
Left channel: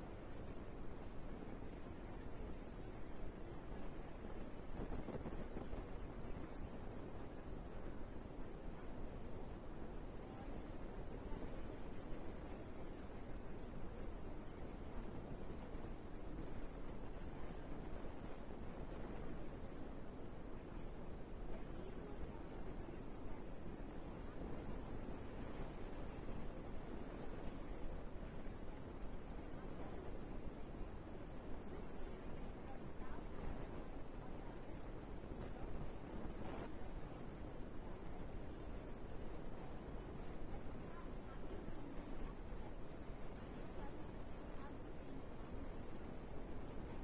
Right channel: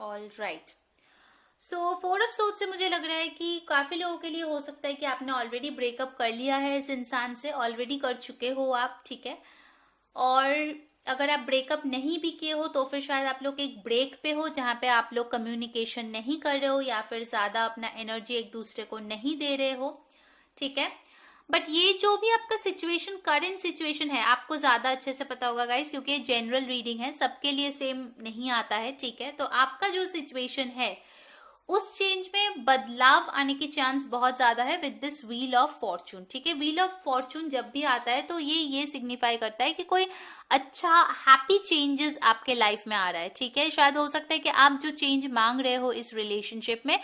All right, so 4 of swords से मुझे लग रहा है कि काफी लोगों के लिए हो सकता है कि आपने ऑलरेडी ब्रेकअप कर लिया है इस इंसान से, ऑलरेडी कर चुके हो आप, ठीक है। और अगर आप ब्रेकअप नहीं भी किए हो तो फिर शायद आप लोग एक ब्रेक पे हो जहाँ पे आप लोग कम्युनिकेशन नहीं कर रहे हो या फिर ज़्यादा अपना एनर्जी एक दूसरे को नहीं दे रहे हो, ठीक है। बट ये जो भी आपका सिचुएशन, करंट सिचुएशन है, आपको ज़्यादा अच्छे से पता होगा गाइस, क्योंकि ये जनरल रीडिंग है, सबके लिए सेम नहीं आता है, ठीक है। तो आपका जो सिचुएशन है उस चेंज में बदलाव आने की चांस बहुत ज्यादा है with this wheel of Fortune, ठीक है। व्हील ऑफ फॉर्चून जब भी आता है तो ये सिग्निफाई करता है कि कोई अच्छा हैप्पी चेंजेस आपके लाइफ में आ रहा है, ठीक है। शायद हो सकता है कि आप जो चेंज मांग रहे हो इस रिलेशनशिप में,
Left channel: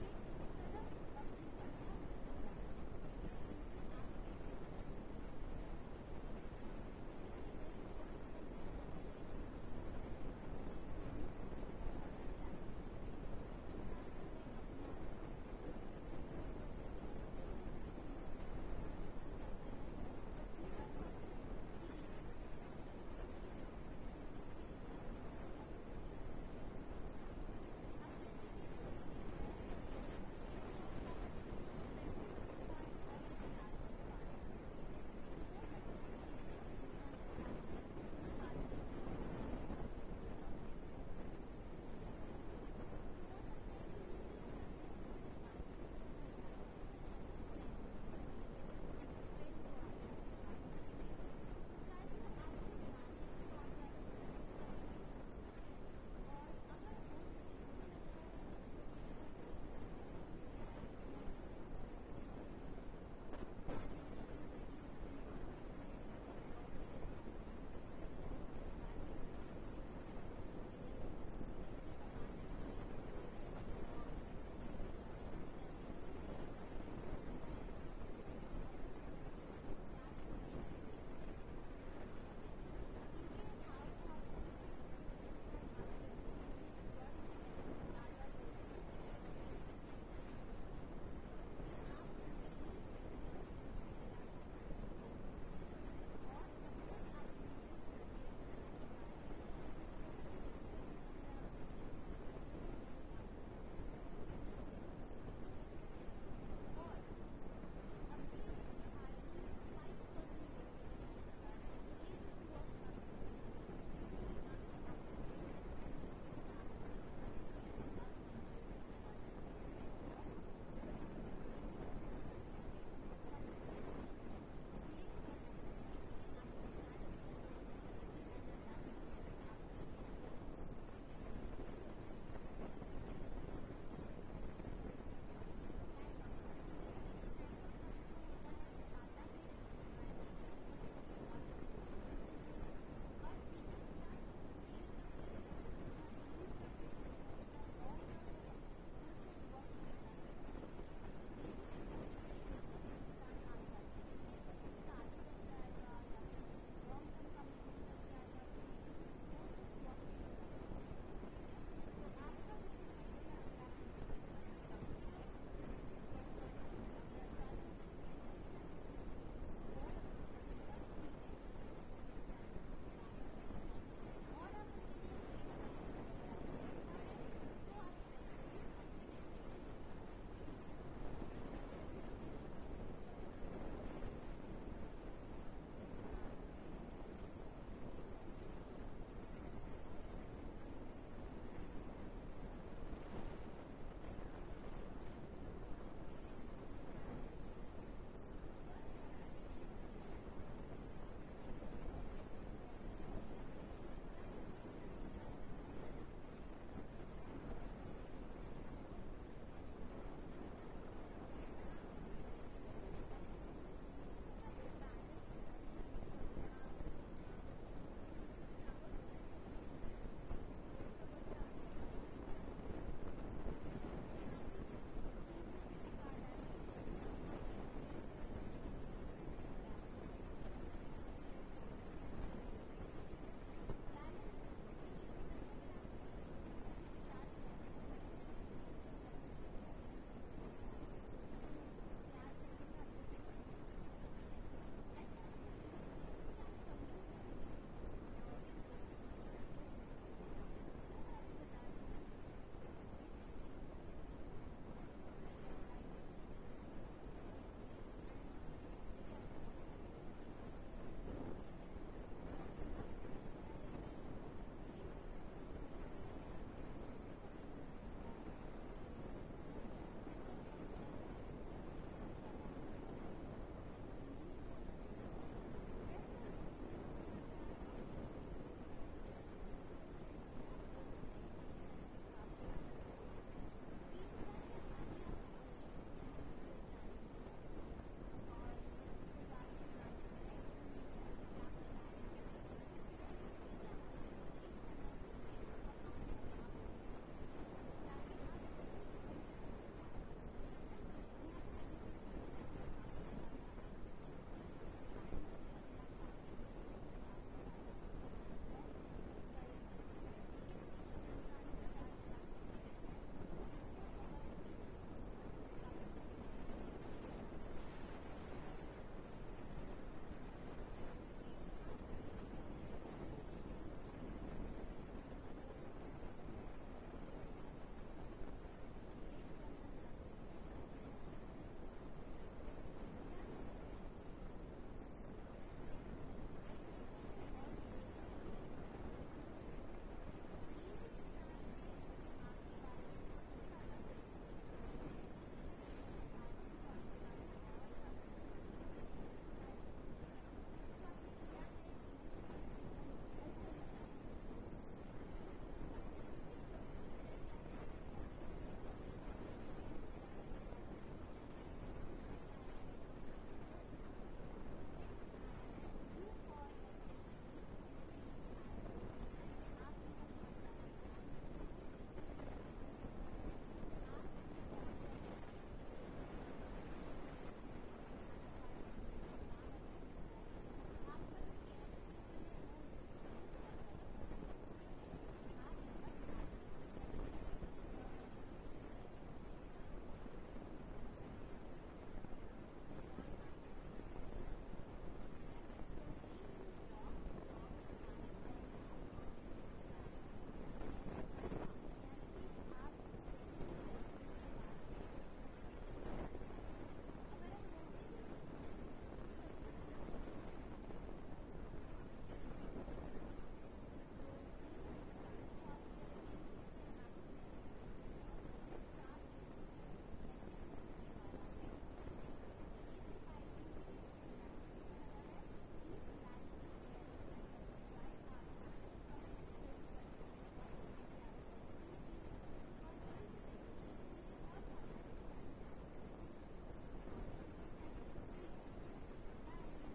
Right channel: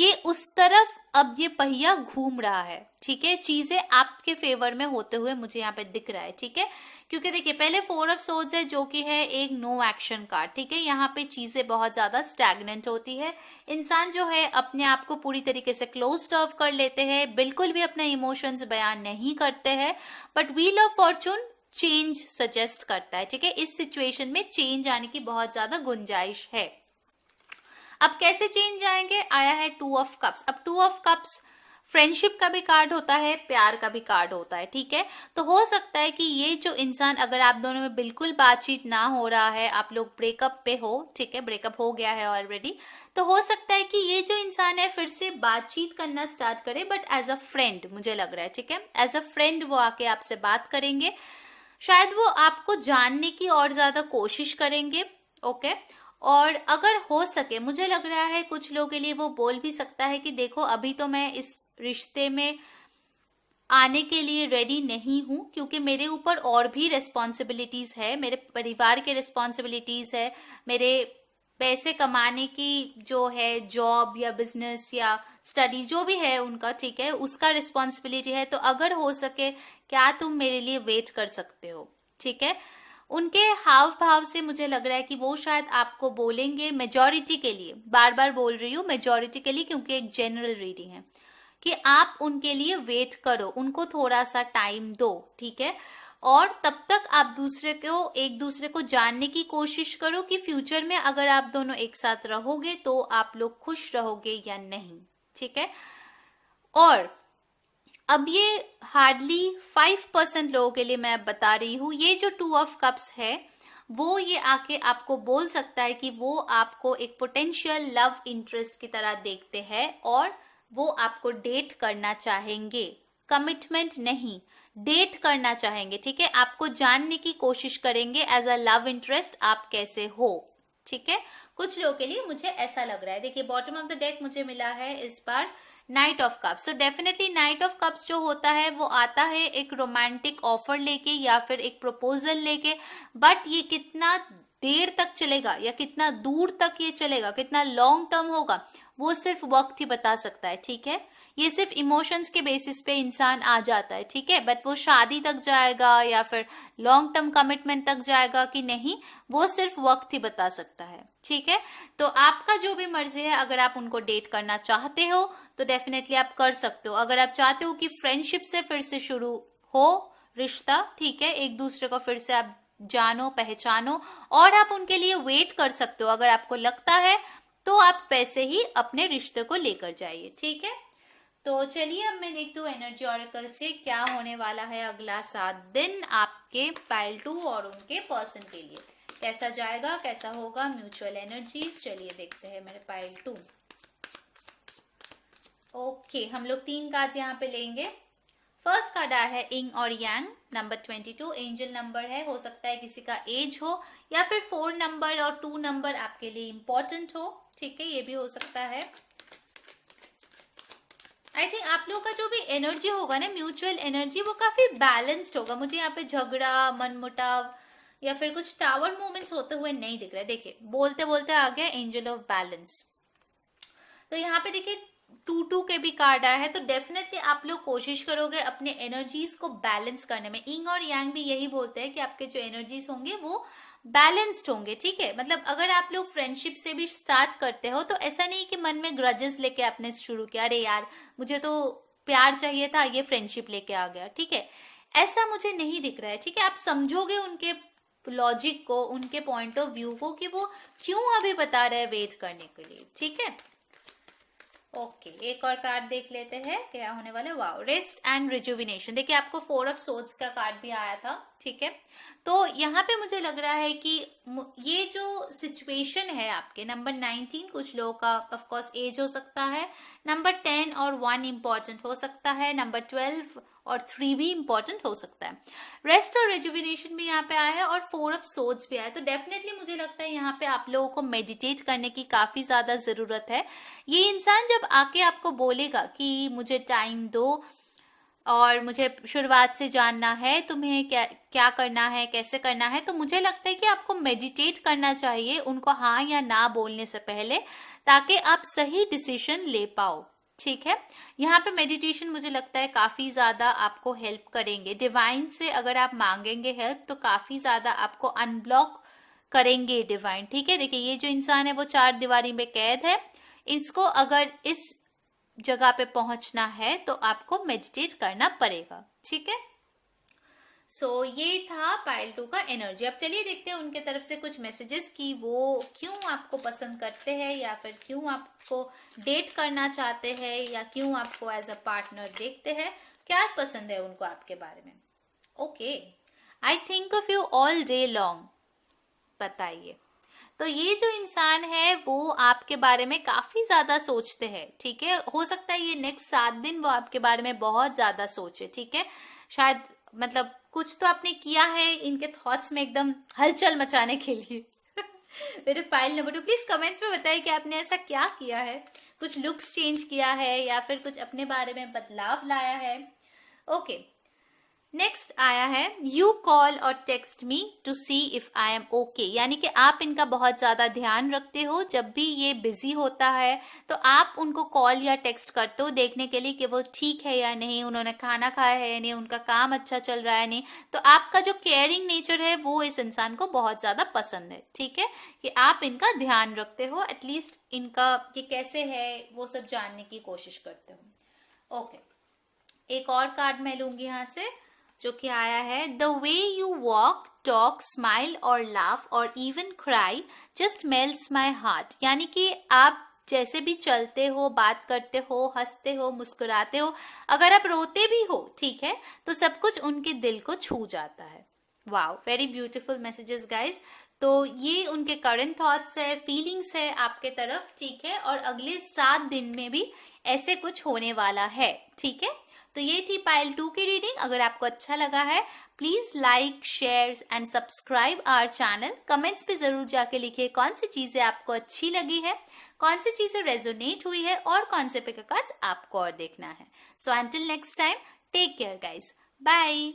ये उस तरफ अब ये पहिया घूम रहा है, ठीक है। चीजें आपके फेवर में होते हुए मुझे यहाँ पे दिख रहा है, ठीक है। क्योंकि देखिए पहले 4 ऑफ सोर्ड्स है जो कि है एक नो एक्शन कार्ड, ठीक है। यहाँ पे चीजें बहुत ज्यादा स्टैग्नेंट होती है, इंसान जो है अपने आप को पूरी तरीके से क्लोज्ड ऑफ कर लेते हैं, बिल्कुल भी अपने इमोशंस बयान नहीं करते हैं। But wheel of Fortune change suggest करता है, ठीक है। इस सिचुएशन में चेंज आने की बहुत ज्यादा गुंजाइश है। अब कैसे चेंज आएंगे, आया है 2 ऑफ कप्स। अब 2 ऑफ कप्स फ्रेंडशिप का भी कार्ड होता है, प्यार का भी कार्ड होता है, ठीक है। तो हो सकता है कि ये जो इंसान, अगर आप दोनों में बिल्कुल बातचीत ना हो रहा है, आप लोग ब्रेकअप पे हो, ठीक है, ब्रेकअप हो गया है ऑलरेडी, तो हो सकता है कि ये जो इंसान है फिर से बातचीत करना स्टार्ट करे, बट एज अ फ्रेंड मुझे लग रहा है, ठीक है। एज अ फ्रेंड वो आके आपसे बात करेंगे, शायद वो आपको जानने की और ज्यादा कोशिश करेंगे, ओके। और अगर हो सके, मुझे लग रहा है कुछ लोगों के लिए वो बोल भी सकता है कि देखो अभी तो मैं इस रिश्ते में आने के लिए रेडी नहीं हूँ, क्योंकि मेरे ऊपर और भी रिस्पॉन्सिबिलिटीज है, मेरे परिवार के रिस्पॉन्सिबिलिटीज है, मेरे पैसे कमाने की जो है जॉब या बिजनेस या स्टडी जो भी है उनका, ठीक है, उसका रिस्पॉन्सिबिलिटी है। तो अगर हो सके क्या तुम मेरे लिए वेट कर सकते हो, ठीक है। उनके हाव भाव से मुझे लग रहा है कि वो शायद आपको बोलेंगे, मेजॉरिटी के लिए, बार बार बोल रही हूँ मेजॉरिटी के लिए क्योंकि एक जनरल रीडिंग है, कि आप उनके लिए वेट करो, उनको थोड़ा सा टाइम दो, ठीक है। और तब तक आप एक दूसरे को जानने की कोशिश करो कि फ्यूचर में अगर आप दोनों एक साथ रहोगे तो आप लोग खुश रहोगे या नहीं, ठीक है। और अब ये हार्डली 5% लोगों के लिए मैं बता रही हूँ, ये जो 2 ऑफ कप्स है वो ये आके आपको बोल सकता है कि वो आपको एक पोटेंशियल लव इंटरेस्ट की तरह देखते हैं और वो आपको डेट करना चाहेंगे, कमिटमेंट नहीं, डेट करना चाहेंगे, ठीक है। आपको जानने की कोशिश करेंगे एज अ लव इंटरेस्ट आप कैसे हो, ठीक है। कुछ लोगों के लिए मुझे ऐसा लग रहा है। देखिए बॉटम ऑफ द डेक मुझे मिला है इस बार knight of cups. So definitely knight of cups जो होता है वो आता है एक रोमांटिक ऑफर लेके या फिर एक प्रपोजल लेके, बट ये कितना देर तक चलेगा या कितना दूर तक ये चलेगा, कितना लॉन्ग टर्म होगा, वो सिर्फ वक्त ही बता सकता है, ठीक है। ये सिर्फ इमोशंस के बेसिस पे इंसान आ जाता है, ठीक है, बट वो शादी तक जाएगा या फिर लॉन्ग टर्म कमिटमेंट तक जाएगा कि नहीं, वो सिर्फ वक्त ही बता सकता है, ठीक है। तो आपका जो भी मर्जी है, अगर आप उनको डेट करना चाहते हो तो डेफिनेटली आप कर सकते हो। अगर आप चाहते हो कि फ्रेंडशिप से फिर से शुरू हो रिश्ता, ठीक है, एक दूसरे को फिर से आप जानो पहचानो और आप उनके लिए वेट कर सकते हो, अगर आपको लगता है तो आप वैसे ही अपने रिश्ते को लेकर जाइए, ठीक है। तो चलिए अब मैं देखती हूँ एनर्जी ऑरेकल से क्या होने वाला है अगला 7 दिन आपके पाइल 2 और उनके पर्सन के लिए, कैसा जाएगा, कैसा होगा, म्यूचुअल एनर्जीज। चलिए देखते हैं मेरे पाइल 2। ओके, हम लोग 3 कार्ड यहाँ पे लेंगे। फर्स्ट कार्ड आया है इंग और यांग, नंबर 22, एंजल नंबर है, हो सकता है किसी का एज हो या फिर 4 नंबर और 2 नंबर आपके लिए इंपॉर्टेंट हो, ठीक है, ये भी हो सकता है। आई थिंक आप लोग का जो भी एनर्जी होगा ना, म्यूचुअल एनर्जी, वो काफी बैलेंस्ड होगा। मुझे यहाँ पे झगड़ा, मनमुटाव या फिर कुछ टावर मूवमेंट्स होते हुए नहीं दिख रहे। देखिए बोलते बोलते आ गया एंजल ऑफ बैलेंस। तो यहाँ पे देखिए 2 के भी कार्ड आया है, तो डेफिनेटली आप लोग कोशिश करोगे अपने एनर्जीज को बैलेंस करने में। इंग और यांग भी यही बोलते हैं कि आपके जो एनर्जीज होंगे वो बैलेंस्ड होंगे, ठीक है। मतलब अगर आप लोग फ्रेंडशिप से भी स्टार्ट करते हो तो ऐसा नहीं कि मन में ग्रजेस लेके आपने शुरू किया, अरे यार मुझे तो प्यार चाहिए था, ये फ्रेंडशिप लेके आ गया, ठीक है, ऐसा मुझे नहीं दिख रहा है, ठीक है। आप समझोगे उनके लॉजिक को, उनके पॉइंट ऑफ व्यू को कि वो क्यों अभी बता रहे हैं वेट करने के लिए, ठीक है। ओके, एक और कार्ड देख लेते हैं क्या होने वाला है। Wow, rest and rejuvenation. देखिए आपको 4 ऑफ सोर्ड्स का कार्ड भी आया था, ठीक है। तो यहाँ पे मुझे लग रहा है कि ये जो सिचुएशन है आपके नंबर 19, कुछ लोगों का ऑफ कोर्स एज हो सकता है, नंबर 10 और 1 इंपॉर्टेंट हो सकता है, नंबर 12 और 3 भी इंपॉर्टेंट हो सकता है। रेस्ट और रेजुविनेशन भी यहाँ पे आया है और 4 ऑफ सोर्ड्स भी आया है। तो डेफिनेटली मुझे लगता है यहाँ पे आप लोगों को मेडिटेट करने की काफ़ी ज़्यादा ज़रूरत है। ये इंसान जब आके आपको बोलेगा कि मुझे टाइम दो और मुझे शुरुआत से जानना है तुम्हें क्या क्या करना है, कैसे करना है, तो मुझे लगता है कि आपको मेडिटेट करना चाहिए उनको हाँ या ना बोलने से पहले, ताकि आप सही डिसीजन ले पाओ, ठीक है। यहाँ पे मेडिटेशन मुझे लगता है काफ़ी ज़्यादा आपको हेल्प करेंगे। डिवाइन से अगर आप मांगेंगे हेल्प तो काफ़ी ज़्यादा आपको अनब्लॉक करेंगे डिवाइन, ठीक है। देखिए ये जो इंसान है वो 4 दीवारी में कैद है, इसको अगर इस जगह पे पहुंचना है तो आपको मेडिटेट करना पड़ेगा, ठीक है। सो ये था पाइल 2 का एनर्जी। अब चलिए देखते हैं उनके तरफ से कुछ मैसेजेस कि वो क्यों आपको पसंद करते हैं या फिर क्यों आपको डेट करना चाहते हैं या क्यों आपको एज अ पार्टनर देखते हैं, क्या पसंद है उनको आपके बारे में। Okay, I think of you all day long. बताइए, तो ये जो इंसान है वो आपके बारे में काफ़ी ज़्यादा सोचते हैं, ठीक है। हो सकता है ये नेक्स्ट 7 दिन वो आपके बारे में बहुत ज़्यादा सोचे, ठीक है। शायद मतलब कुछ तो आपने किया है इनके थॉट्स में एकदम हलचल मचाने के लिए। मेरे पाइल नंबर 2 प्लीज़ कमेंट्स में बताइए कि आपने ऐसा क्या किया है, कुछ लुक्स चेंज किया है या फिर कुछ अपने बारे में बदलाव लाया है। ओके, नेक्स्ट आया है you call or text me to see if I am okay, यानी कि आप इनका बहुत ज़्यादा ध्यान रखते हो। जब भी ये बिजी होता है तो आप उनको कॉल या टेक्स्ट करते हो देखने के लिए कि वो ठीक है या नहीं, उन्होंने खाना खाया है या नहीं, उनका काम अच्छा चल रहा है नहीं। तो आपका जो केयरिंग नेचर है वो इस इंसान को बहुत ज़्यादा पसंद है, ठीक है, कि आप इनका ध्यान रखते हो, एटलीस्ट इनका ये कैसे है वो सब जानने की कोशिश करते हो। ओके, एक और कार्ड मैं लूँगी यहाँ से जो कि आया है the way you walk, talk, smile और लाफ और even cry just melts my heart, यानी कि आप जैसे भी चलते हो, बात करते हो, हंसते हो, मुस्कुराते हो, अगर आप रोते भी हो, ठीक है, तो सब कुछ उनके दिल को छू जाता है। Wow, very beautiful messages guys. तो ये उनके करंट थॉट्स है, फीलिंग्स है आपके तरफ, ठीक है, और अगले 7 दिन में भी ऐसे कुछ होने वाला है, ठीक है। तो ये थी पाइल 2 की रीडिंग। अगर आपको अच्छा लगा है please like, share and subscribe our channel. Comments पे ज़रूर जाके लिखिए कौन सी चीज़ें आपको अच्छी लगी है, कौन सी चीज़ें रेजोनेट हुई है और कौन से पिक कार्ड्स आपको और देखना है। So until next time, take care guys, bye.